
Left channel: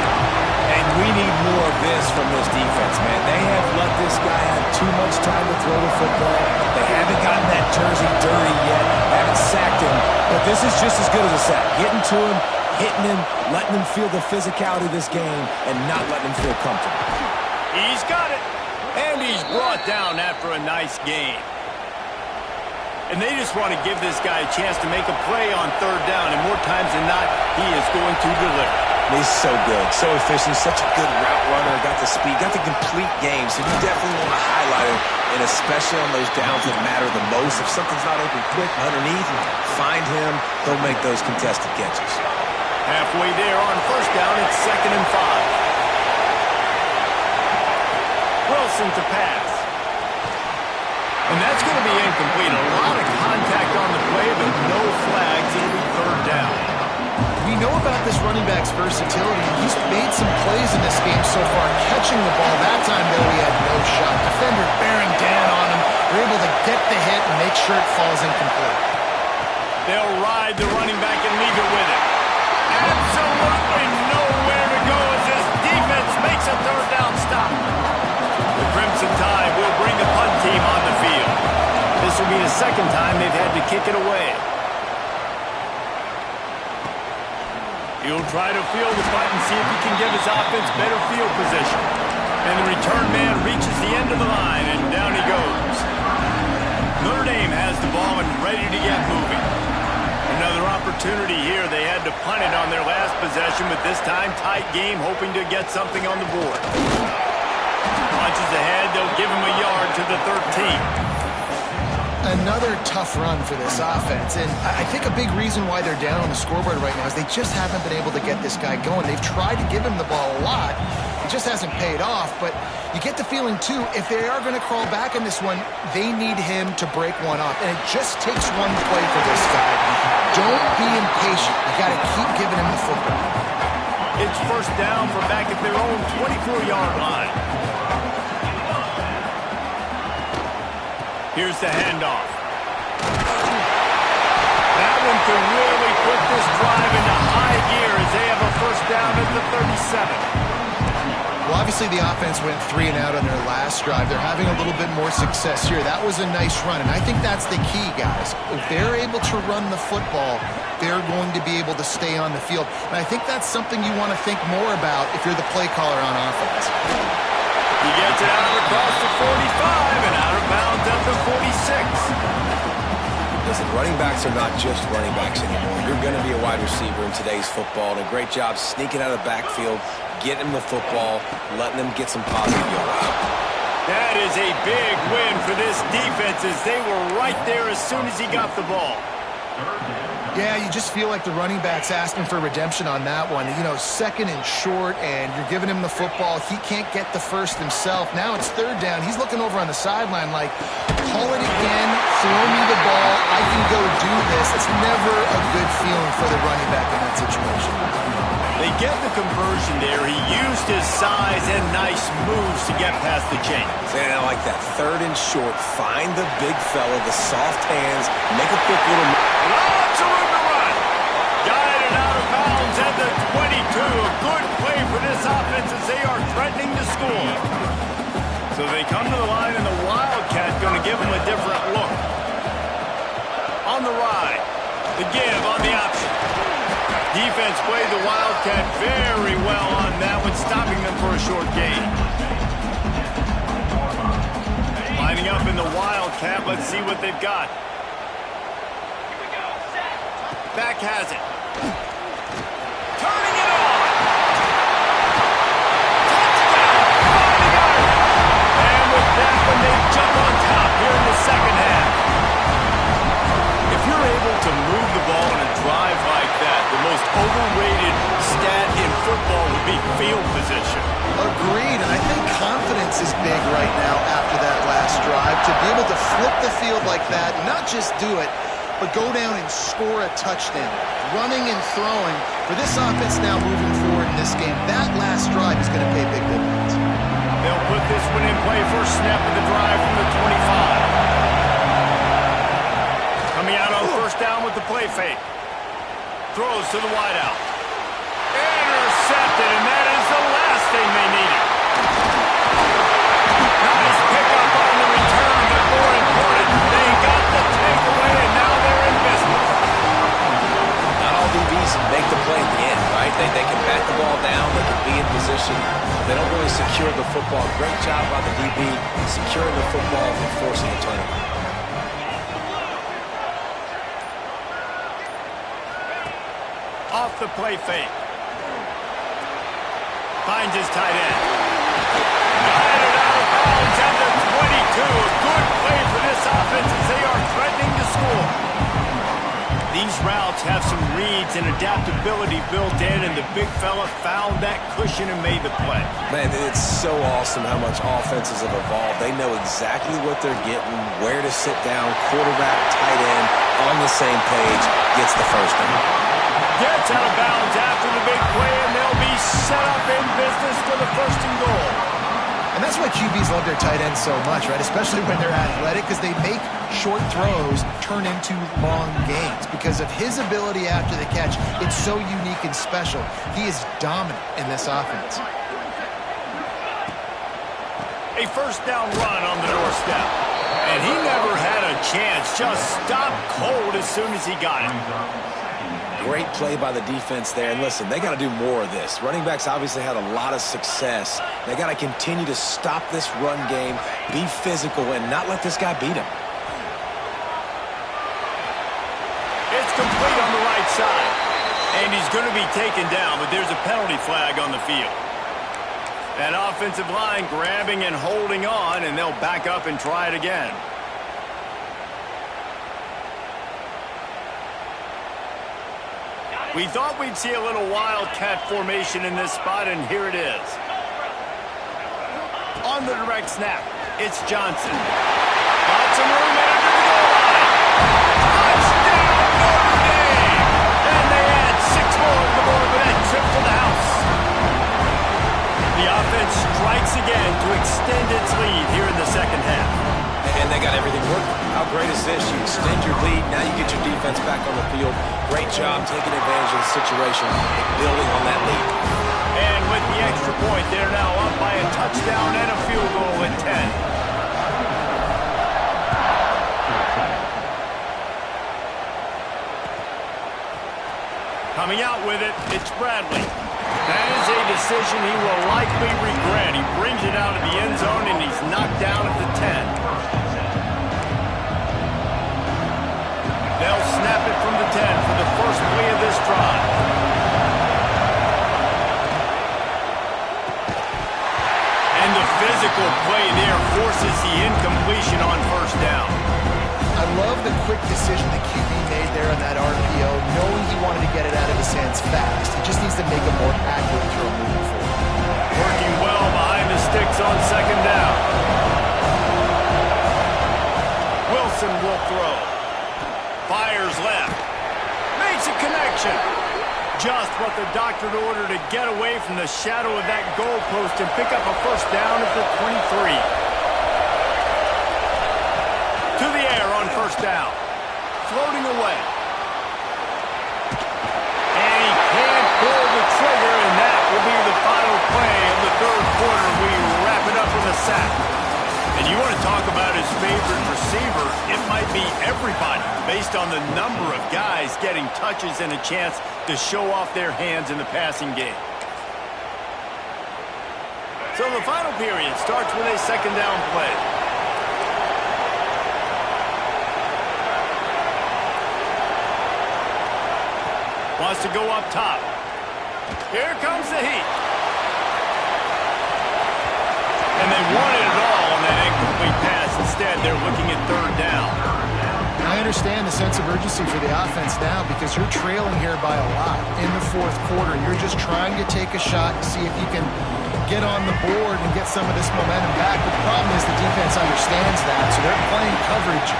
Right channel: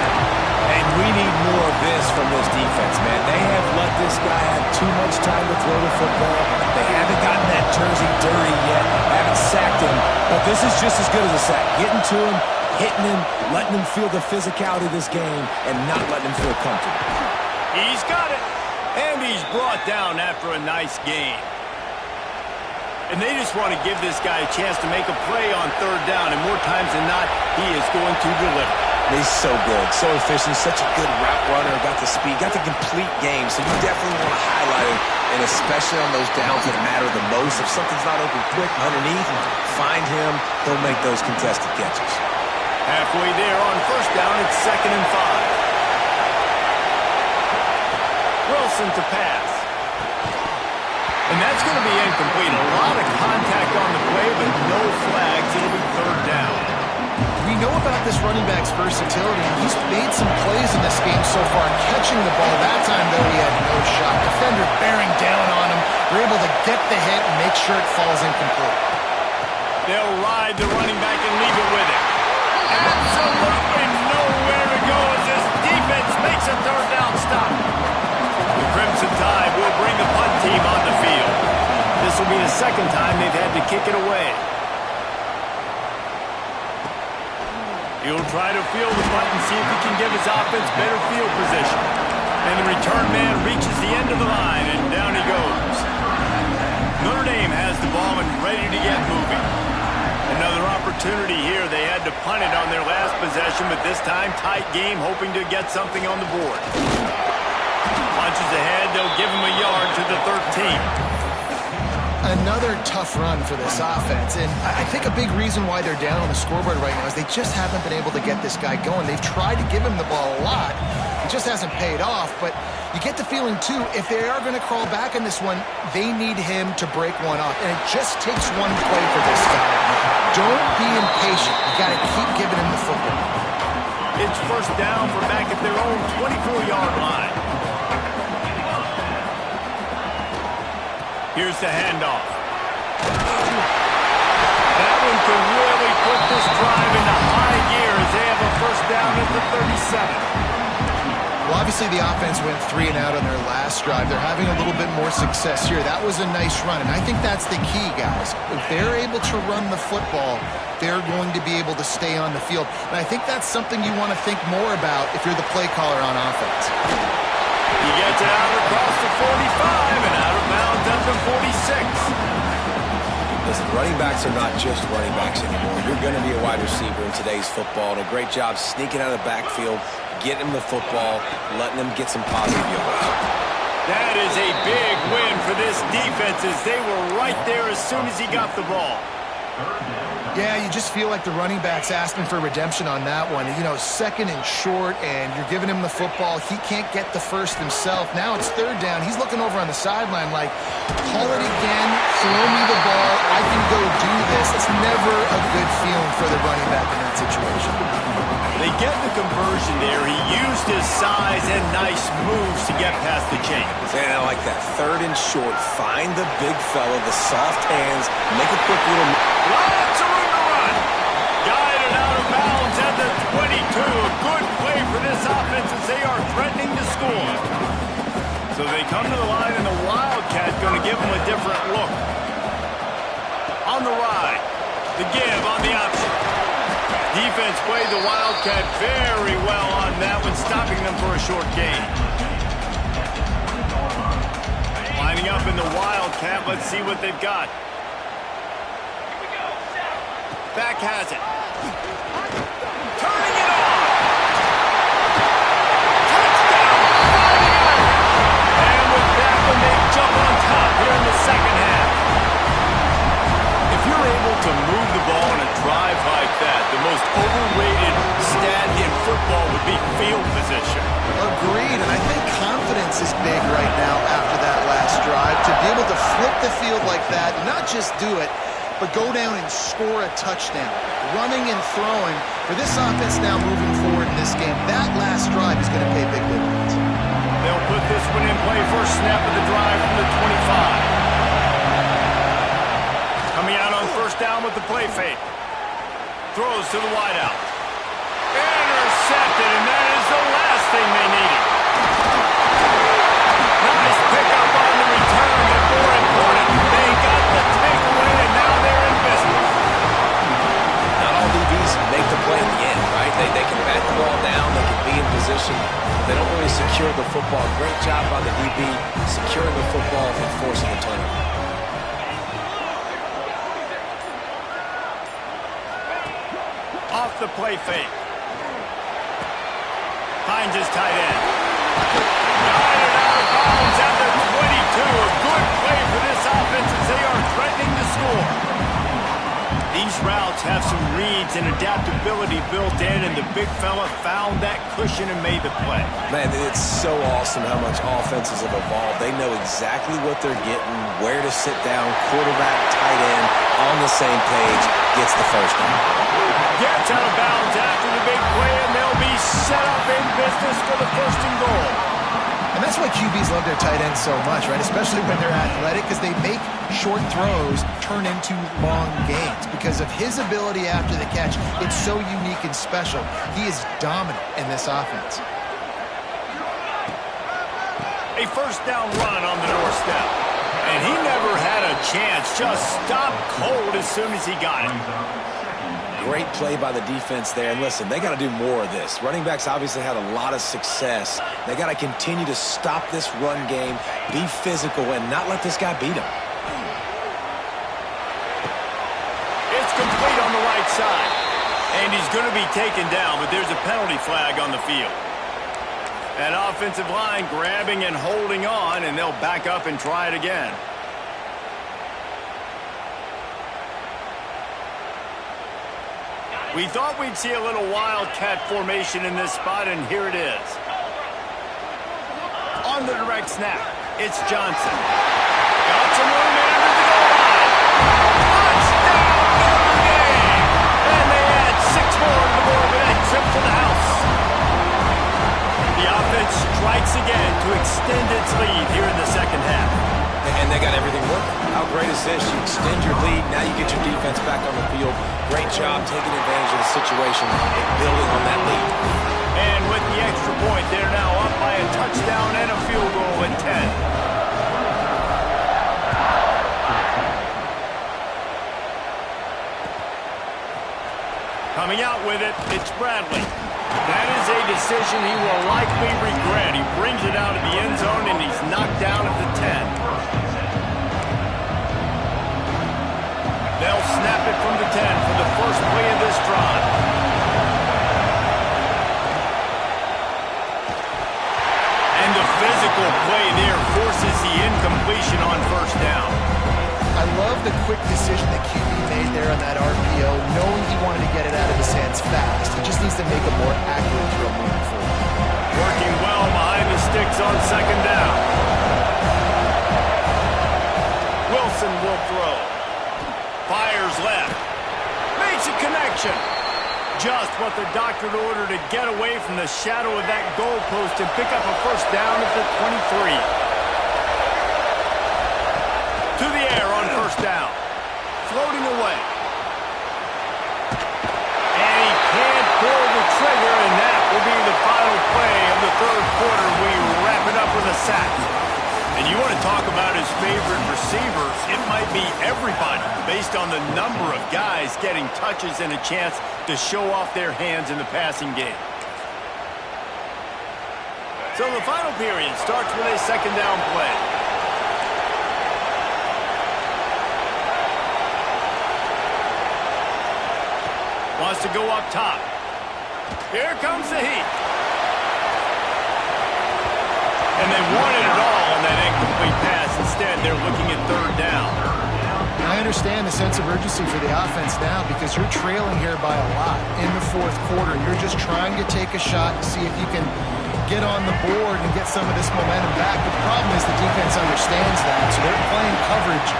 And we need more of this from this defense, man. They have let this guy have too much time to throw the football. They haven't gotten that jersey dirty yet, haven't sacked him. But this is just as good as a sack. Getting to him, hitting him, letting him feel the physicality of this game, and not letting him feel comfortable. He's got it. And he's brought down after a nice game. And they just want to give this guy a chance to make a play on third down, and more times than not, he is going to deliver. He's so good, so efficient, such a good route runner, got the speed, got the complete game, so you definitely want to highlight it, and especially on those downs that matter the most. If something's not open quick underneath, find him, he'll make those contested catches. Halfway there on first down, it's 2nd and 5. Wilson to pass. And that's going to be incomplete. A lot of contact on the play, but no flags. It'll be 3rd down. We know about this running back's versatility. He's made some plays in this game so far, catching the ball. That time, though, he had no shot. Defender bearing down on him. They're able to get the hit and make sure it falls incomplete. They'll ride the running back and leave it with him. Absolutely nowhere to go as this defense makes a 3rd down stop. The Crimson Tide will bring a punt team on the field. This will be the 2nd time they've had to kick it away. He'll try to field the punt and see if he can give his offense better field position. And the return man reaches the end of the line, and down he goes. Notre Dame has the ball and ready to get moving. Another opportunity here. They had to punt it on their last possession, but this time tight game, hoping to get something on the board. Punches ahead, they'll give him a yard to the 13. Another tough run for this offense, and I think a big reason why they're down on the scoreboard right now is they just haven't been able to get this guy going. They've tried to give him the ball a lot. It just hasn't paid off, but you get the feeling, too, if they are going to crawl back in this one, they need him to break one off, and it just takes one play for this guy. Don't be impatient. You got to keep giving him the football. It's first down from back at their own 24-yard line. Here's the handoff. That one could really put this drive into high gear as they have a first down at the 37. Well, obviously the offense went 3 and out on their last drive. They're having a little bit more success here. That was a nice run, and I think that's the key, guys. If they're able to run the football, they're going to be able to stay on the field. And I think that's something you want to think more about if you're the play caller on offense. He gets it out across the 45 and out of bounds at the 46. Listen, running backs are not just running backs anymore. You're going to be a wide receiver in today's football, and a great job sneaking out of the backfield, getting them the football, letting them get some positive yards. That is a big win for this defense as they were right there as soon as he got the ball. Yeah, you just feel like the running back's asking for redemption on that one. You know, 2nd and short, and you're giving him the football. He can't get the first himself. Now it's 3rd down. He's looking over on the sideline like, call it again, throw me the ball, I can go do this. It's never a good feeling for the running back in that situation. They get the conversion there. He used his size and nice moves to get past the chains. And I like that. 3rd and short, find the big fella, the soft hands, make a quick little move. Lots of room to run. Guided out of bounds at the 22. A good play for this offense as they are threatening to score. So they come to the line, and the Wildcat going to give them a different look. On the ride. The give on the option. Defense played the Wildcat very well on that one, stopping them for a short gain. Lining up in the Wildcat. Let's see what they've got. Back has it. Turning it on. Touchdown, 40-yarder. And with that one, they jump on top here in the 2nd half. If you're able to move the ball in a drive like that, the most overrated stat in football would be field position. Agreed, and I think confidence is big right now after that last drive. To be able to flip the field like that, not just do it, but go down and score a touchdown. Running and throwing. For this offense now moving forward in this game, that last drive is going to pay big dividends. They'll put this one in play. First snap of the drive from the 25. Coming out on first down with the play fake. Throws to the wideout. Intercepted, and that is the last thing they needed. Nice pickup on the return, but more important, they got the takeaway, and now they're in business. Not all DBs make the play at the end, right? They can bat the ball down, they can be in position. They don't really secure the football. Great job by the DB securing the football and forcing the turnover. off the play fake. Finds his tight end. Guided out of bounds at the 22. A good play for this offense as they are threatening to score. These routes have some reads and adaptability built in, and the big fella found that cushion and made the play. Man, it's so awesome how much offenses have evolved. They know exactly what they're getting, where to sit down, quarterback, tight end, on the same page, gets the first down. Gets out of bounds after the big play, and they'll be set up in business for the first and goal. And that's why QBs love their tight ends so much, right? Especially when they're athletic, because they make short throws turn into long gains. Because of his ability after the catch, it's so unique and special. He is dominant in this offense. A first down run on the doorstep. And he never had a chance. Just stopped cold as soon as he got it. Great play by the defense there. And listen, they got to do more of this. Running backs obviously had a lot of success. They got to continue to stop this run game, be physical, and not let this guy beat them. It's complete on the right side. And he's going to be taken down, but there's a penalty flag on the field. That offensive line grabbing and holding on, and they'll back up and try it again. We thought we'd see a little wildcat formation in this spot, and here it is. On the direct snap, it's Johnson. Got some room in under the goal line. Touchdown, Notre Dame! And they add 6 more to the board with that trip to the house. The offense strikes again to extend its lead here in the second half. And they got everything working. How great is this? You extend your lead, now you get your defense back on the field. Great job taking advantage of the situation and building on that lead. And with the extra point, they're now up by a touchdown and a field goal at 10. Coming out with it, it's Bradley. That is a decision he will likely regret. He brings it out of the end zone, and he's knocked down at the 10. They'll snap it from the 10 for the first play of this drive. And the physical play there forces the incompletion on first down. I love the quick decision the QB made there on that RPO, knowing he wanted to get it out of his hands fast. He just needs to make a more accurate throw moving forward. Working well behind the sticks on second down. Wilson will throw. Fires left. Makes a connection. Just what the doctor ordered to get away from the shadow of that goalpost and pick up a first down at the 23. To the air on first down. Floating away. And he can't pull the trigger, and that will be the final play of the third quarter. We wrap it up with a sack. And you want to talk about his favorite receiver, it might be everybody based on the number of guys getting touches and a chance to show off their hands in the passing game. So the final period starts with a second down play. Wants to go up top. Here comes the heat. And they wanted it all on that incomplete pass. Instead, they're looking at third down. I understand the sense of urgency for the offense now because you're trailing here by a lot in the fourth quarter. You're just trying to take a shot and see if you can get on the board and get some of this momentum back. But the problem is the defense understands that, so they're playing coverage,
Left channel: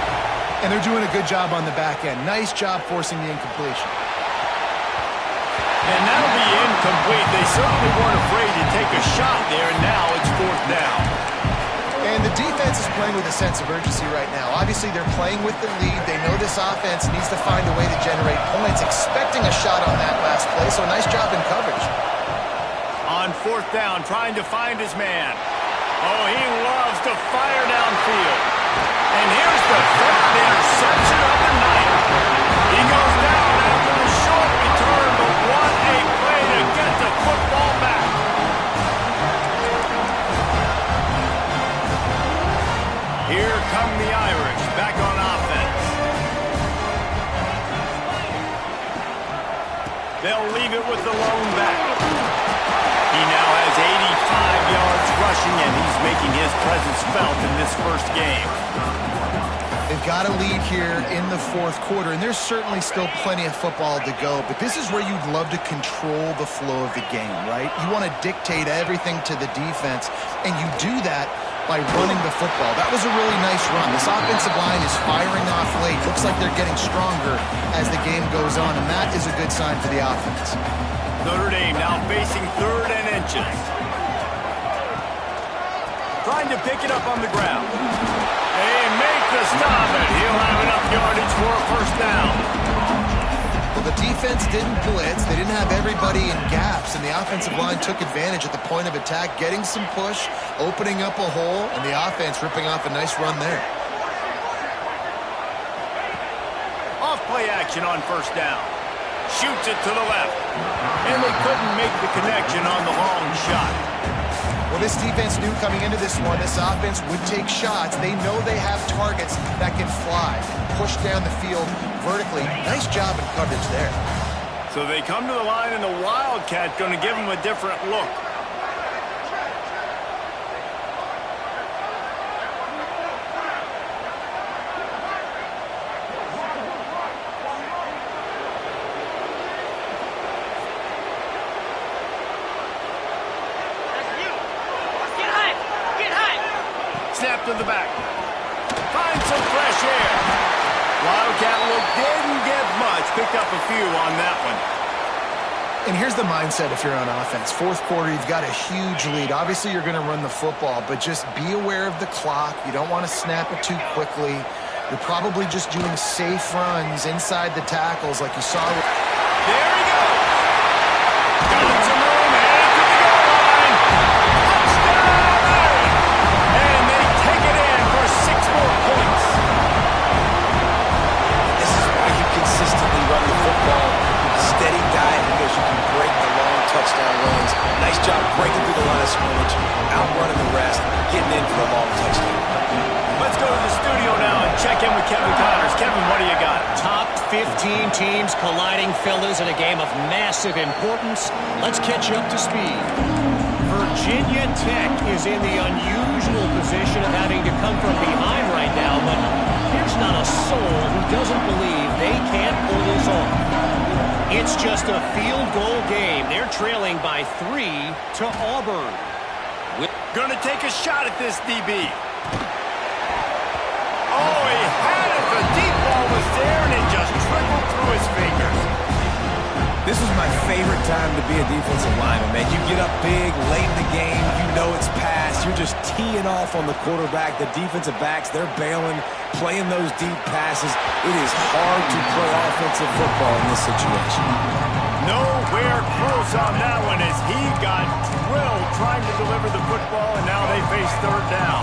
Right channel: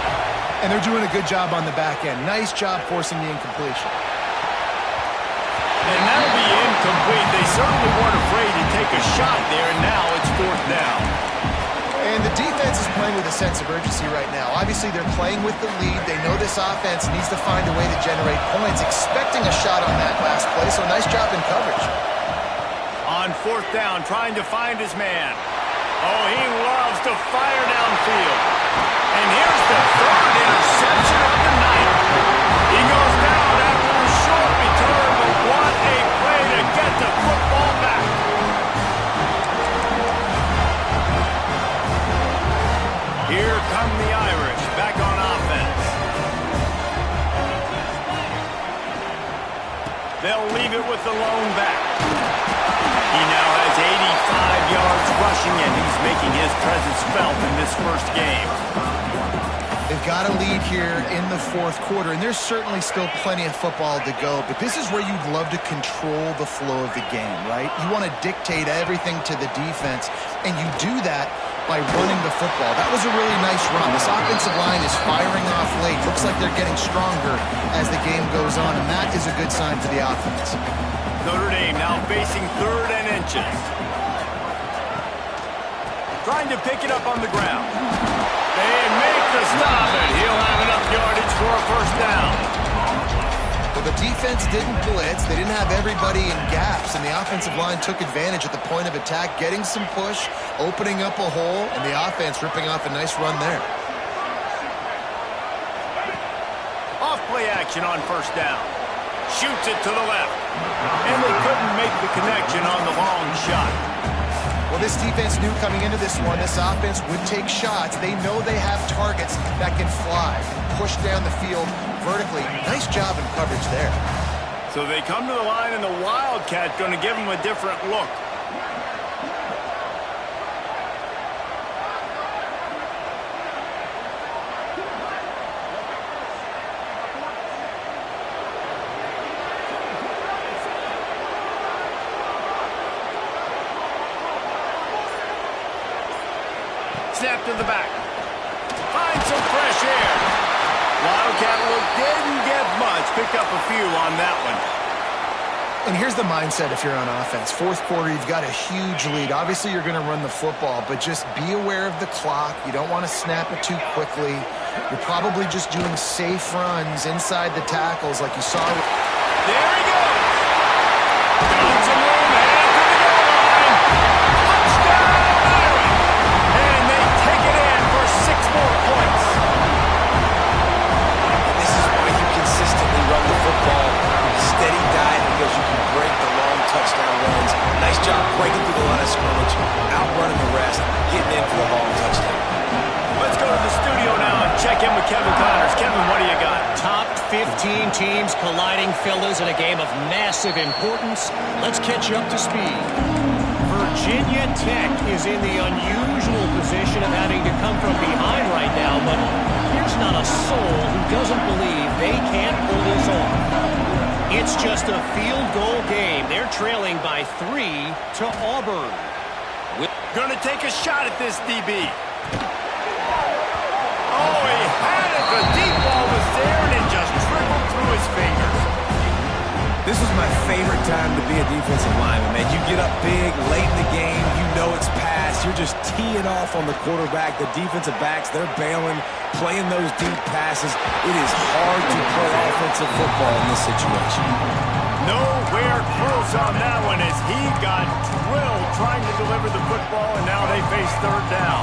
and they're doing a good job on the back end. Nice job forcing the incompletion. And that'll be incomplete. They certainly weren't afraid to take a shot there, and now it's fourth down. And the defense is playing with a sense of urgency right now. Obviously, they're playing with the lead. They know this offense needs to find a way to generate points, expecting a shot on that last play, so nice job in coverage. On fourth down, trying to find his man. Oh, he loves to fire downfield. And here's the third interception of the night. He goes down after the short return, but what a play to get the football back. Here come the Irish back on offense. They'll leave it with the lone back. He now has 85 yards rushing, and he's making his presence felt in this first game. They've got a lead here in the fourth quarter, and there's certainly still plenty of football to go, but this is where you'd love to control the flow of the game, right? You want to dictate everything to the defense, and you do that by running the football. That was a really nice run. This offensive line is firing off late. Looks like they're getting stronger as the game goes on, and that is a good sign for the offense. Notre Dame now facing 3rd and inches. Trying to pick it up on the ground. They make the stop, and he'll have enough yardage for a first down. Well, the defense didn't blitz. They didn't have everybody in gaps, and the offensive line took advantage at the point of attack, getting some push, opening up a hole, and the offense ripping off a nice run there. Off play action on first down. Shoots it to the left. And they couldn't make the connection on the long shot. Well, this defense knew coming into this one, this offense would take shots. They know they have targets that can fly, push down the field vertically. Nice job in coverage there. So they come to the line, and the Wildcat going to give them a different look. Snap to the back. Find some fresh air. Wildcat look didn't get much. Picked up a few on that one. And here's the mindset if you're on offense. Fourth quarter, you've got a huge lead. Obviously, you're going to run the football, but just be aware of the clock. You don't want to snap it too quickly. You're probably just doing safe runs inside the tackles like you saw. There he goes. Got some room, headed to the goal line. Touchdown, Iron. And they take it in for 6 more points. And this is why you consistently run the football. Steady diet, because you can break the long touchdown runs. Nice job breaking through the line of scrimmage, outrunning the rest, getting in for the long touchdown. Let's go to the studio now and check in with Kevin Connors. Kevin, what do you got? Top 15 teams colliding, fellas, in a game of massive importance. Let's catch you up to speed. Virginia Tech is in the unusual position of having to come from behind right now, but there's not a soul who doesn't believe they can't pull this off. It's just a field goal game. They're trailing by 3 to Auburn. Gonna take a shot at this DB. Oh, he had it. The deep ball was there, and it just trickled through his fingers. This is my favorite time to be a defensive lineman, man. You get up big, late in the game, you know it's past. You're just teeing off on the quarterback. The defensive backs, they're bailing, playing those deep passes. It is hard to play offensive football in this situation. Nowhere close on that one as he got drilled trying to deliver the football, and now they face 3rd down.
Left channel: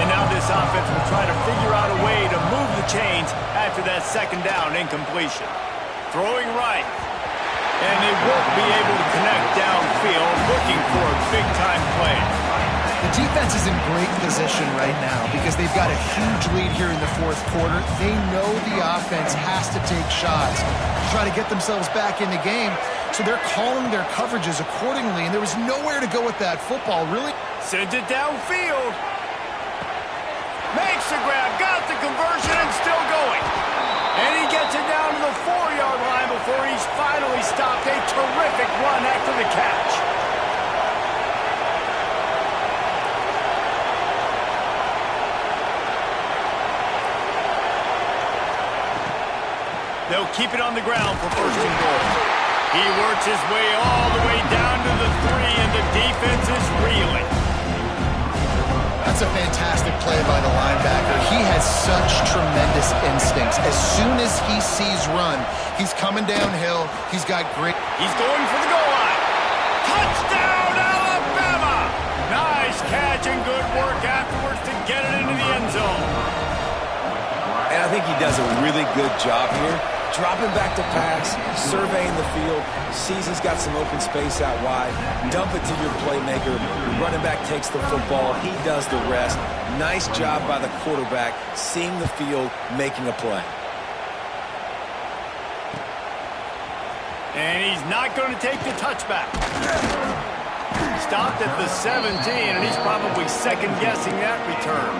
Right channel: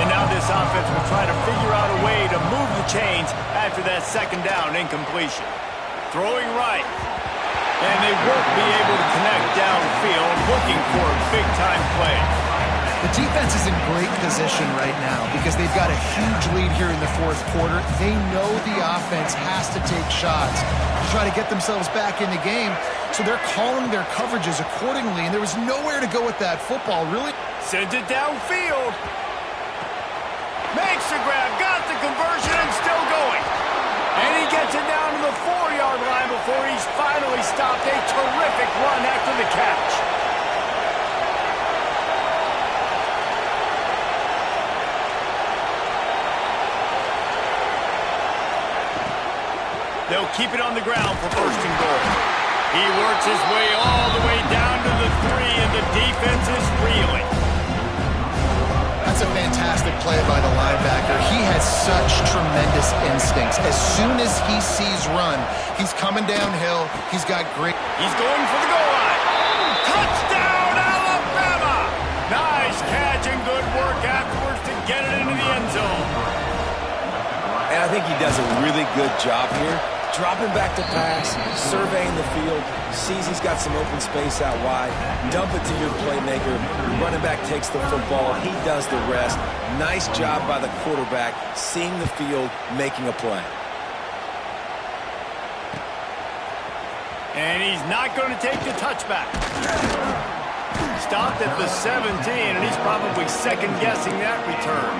And now this offense will try to figure out a way to move the chains after that 2nd down incompletion. Throwing right. And they won't be able to connect downfield, looking for a big-time play. The defense is in great position right now because they've got a huge lead here in the fourth quarter. They know the offense has to take shots to try to get themselves back in the game, so they're calling their coverages accordingly, and there was nowhere to go with that football, really. Sends it downfield. Makes the grab, got the conversion, and still going. And he gets it down to the 4-yard line before he's finally stopped. A terrific run after the catch. They'll keep it on the ground for 1st and goal. He works his way all the way down to the 3, and the defense is reeling. That's a fantastic play by the linebacker. He has such tremendous instincts. As soon as he sees run, he's coming downhill. He's got great... He's going for the goal line. Touchdown, Alabama! Nice catch and good work afterwards to get it into the end zone. And I think he does a really good job here. Dropping back to pass, surveying the field, sees he's got some open space out wide, dump it to your playmaker, your running back takes the football, he does the rest. Nice job by the quarterback, seeing the field, making a play. And he's not going to take the touchback. Stopped at the 17, and he's probably second-guessing that return.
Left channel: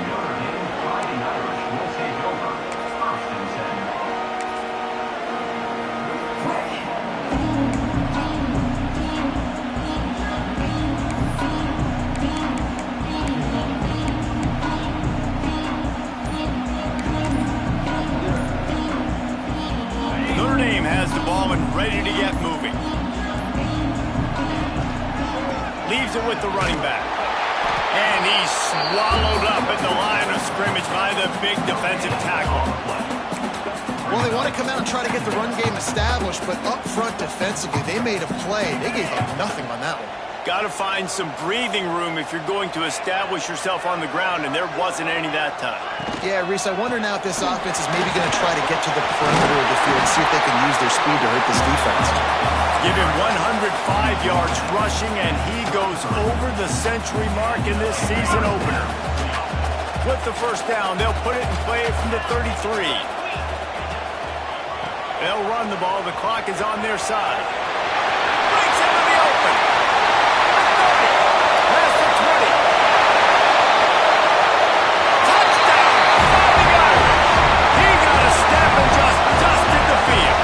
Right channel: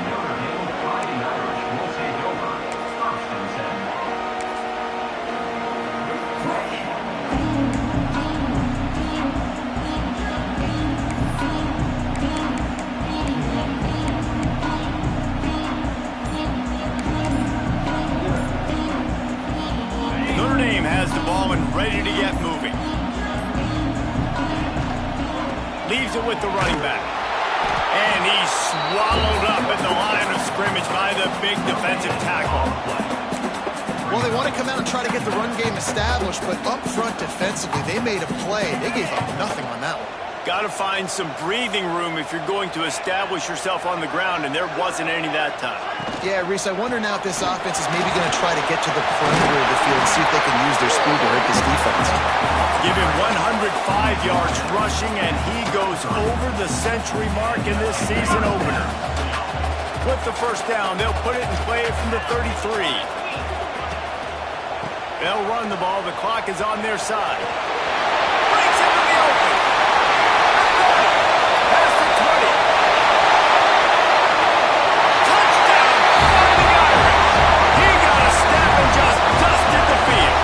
Notre Dame has the ball and ready to get moving. Leaves it with the running back. And he's swallowed up at the line of scrimmage by the big defensive tackle. Well, they want to come out and try to get the run game established, but up front defensively, they made a play. They gave up nothing on that one. Got to find some breathing room if you're going to establish yourself on the ground, and there wasn't any that time. Yeah, Reese, I wonder now if this offense is maybe going to try to get to the perimeter of the field and see if they can use their speed to hurt this defense. Give him 105 yards rushing, and he goes over the century mark in this season opener. With the first down, they'll put it in play from the 33. They'll run the ball. The clock is on their side. Breaks into the open. The 30. Past the 20. Touchdown, Fighting Irish. He got a step and just dusted the field.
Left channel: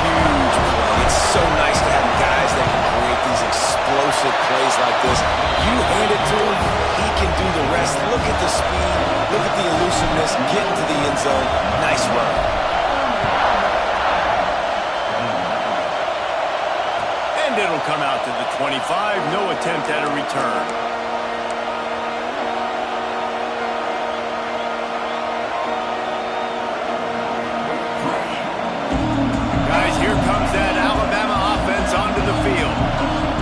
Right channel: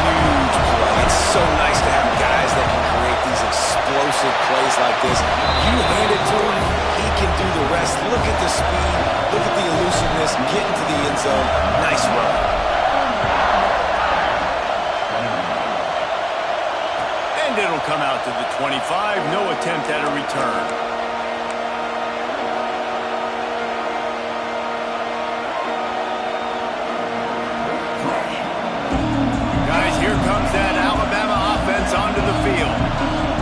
Huge play. It's so nice to have guys that can create these explosive plays like this. You hand it to him, he can do the rest. Look at the speed. Look at the elusiveness. Get into the end zone. Nice run. And it'll come out to the 25. No attempt at a return. Guys, here comes that Alabama offense onto the field.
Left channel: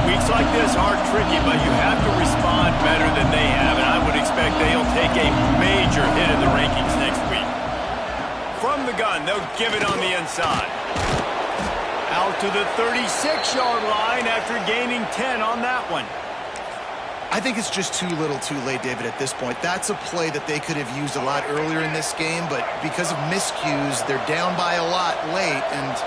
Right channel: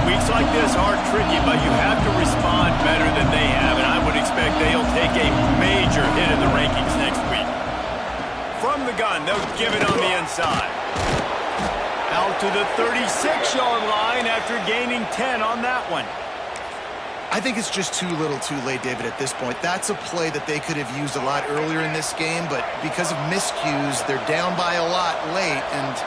Weeks like this are tricky, but you have to respond better than they have, and I would expect they'll take a major hit in the rankings next week. From the gun, they'll give it on the inside. Out to the 36-yard line after gaining 10 on that one. I think it's just too little too late, David, at this point. That's a play that they could have used a lot earlier in this game, but because of miscues, they're down by a lot late, and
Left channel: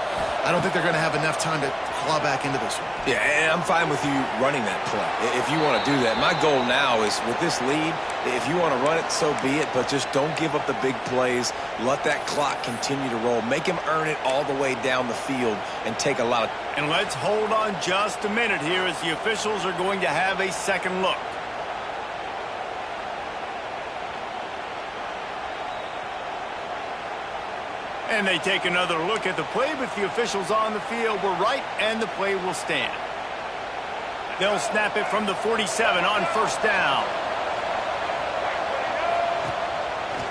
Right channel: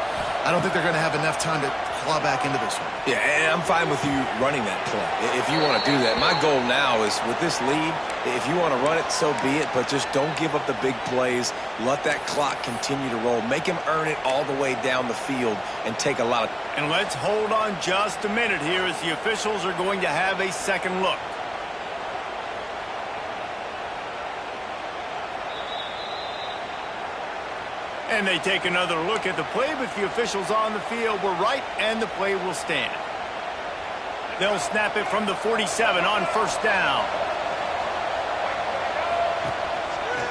I don't think they're going to have enough time to claw back into this one. Yeah, and I'm fine with you running that play if you want to do that. My goal now is with this lead, if you want to run it, so be it, but just don't give up the big plays. Let that clock continue to roll. Make him earn it all the way down the field and take a lot of... And let's hold on just a minute here as the officials are going to have a second look. And they take another look at the play, but the officials on the field were right, and the play will stand. They'll snap it from the 47 on first down.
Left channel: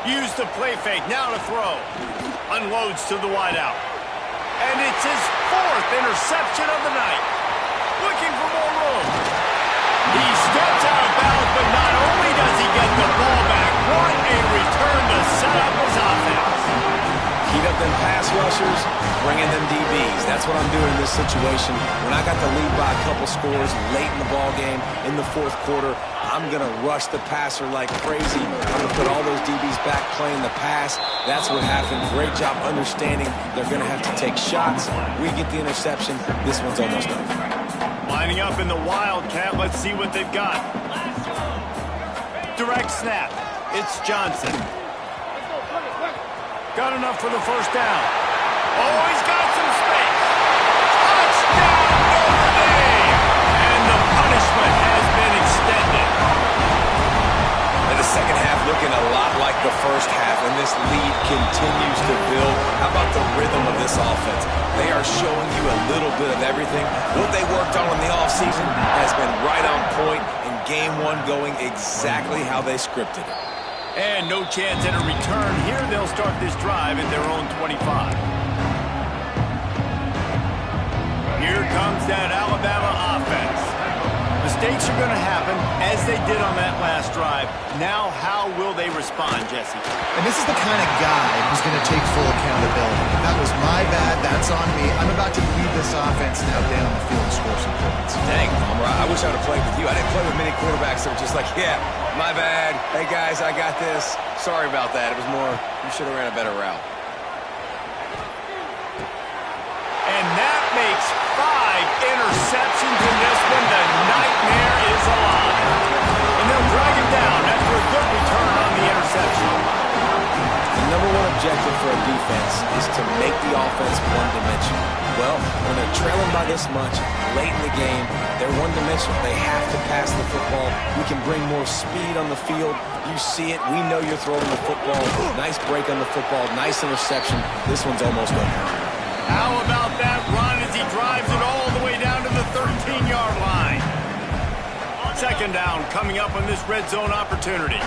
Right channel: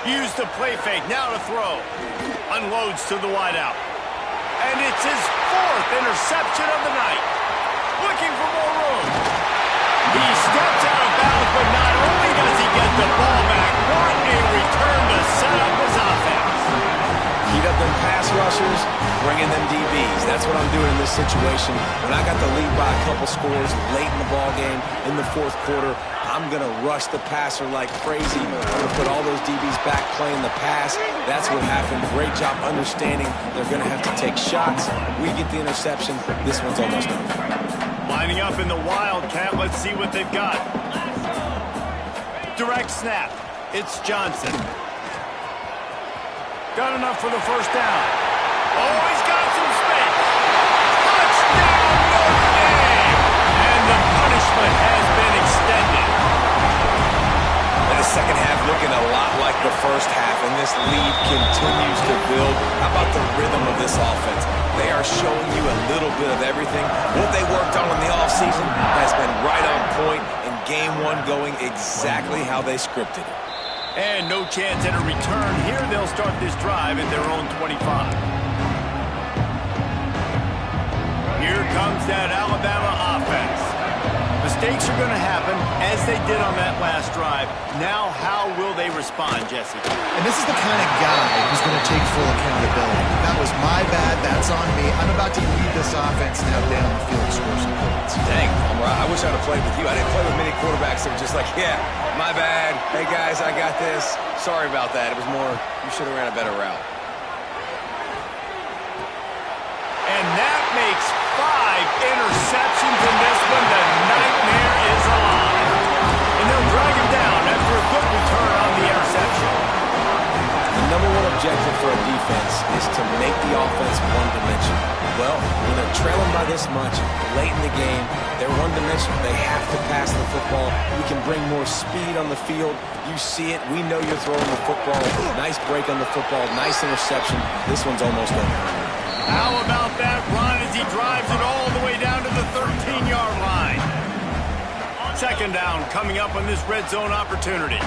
Use the play fake, now to throw. Unloads to the wideout. And it's his fourth interception of the night. Looking for more room. He steps out of bounds, but not only does he get the ball back, what a return to set up his offense. Heat up them pass rushers, bring in them DBs. That's what I'm doing in this situation. When I got the lead by a couple scores late in the ball game, in the fourth quarter, I'm going to rush the passer like crazy. I'm going to put all those DBs back playing the pass. That's what happened. Great job understanding they're going to have to take shots. We get the interception. This one's almost over. Lining up in the Wildcat. Let's see what they've got. Direct snap. It's Johnson. Got enough for the first down. Oh, he's got some space. Touchdown, Notre Dame! And the punishment has been extended. And the second half looking a lot like the first half, and this lead continues to build. How about the rhythm of this offense? They are showing you a little bit of everything. What they worked on in the offseason has been right on point, and game one going exactly how they scripted it. And no chance at a return here. They'll start this drive at their own 25. Here comes that Alabama offense. Mistakes are going to happen, as they did on that last drive. Now, how will they respond, Jesse? And this is the kind of guy who's going to take full accountability. That was my bad. That's on me. I'm about to lead this offense now down the field and score some points. Dang, Palmer, I wish I would have played with you. I didn't play with many quarterbacks that were just like, yeah, my bad. Hey, guys, I got this. Sorry about that. It was more, you should have ran a better route. And that makes 5 interceptions in this one. The nightmare is alive. And they'll drag him down after a good return on the interception. The number one objective for a defense is to make the offense one-dimensional. Well, when they're trailing by this much, late in the game, they're one-dimensional. They have to pass the football. We can bring more speed on the field. You see it. We know you're throwing the football. Nice break on the football. Nice interception. This one's almost over. How about that run as he drives it all the way down to the 13-yard line? Second down coming up on this red zone opportunity.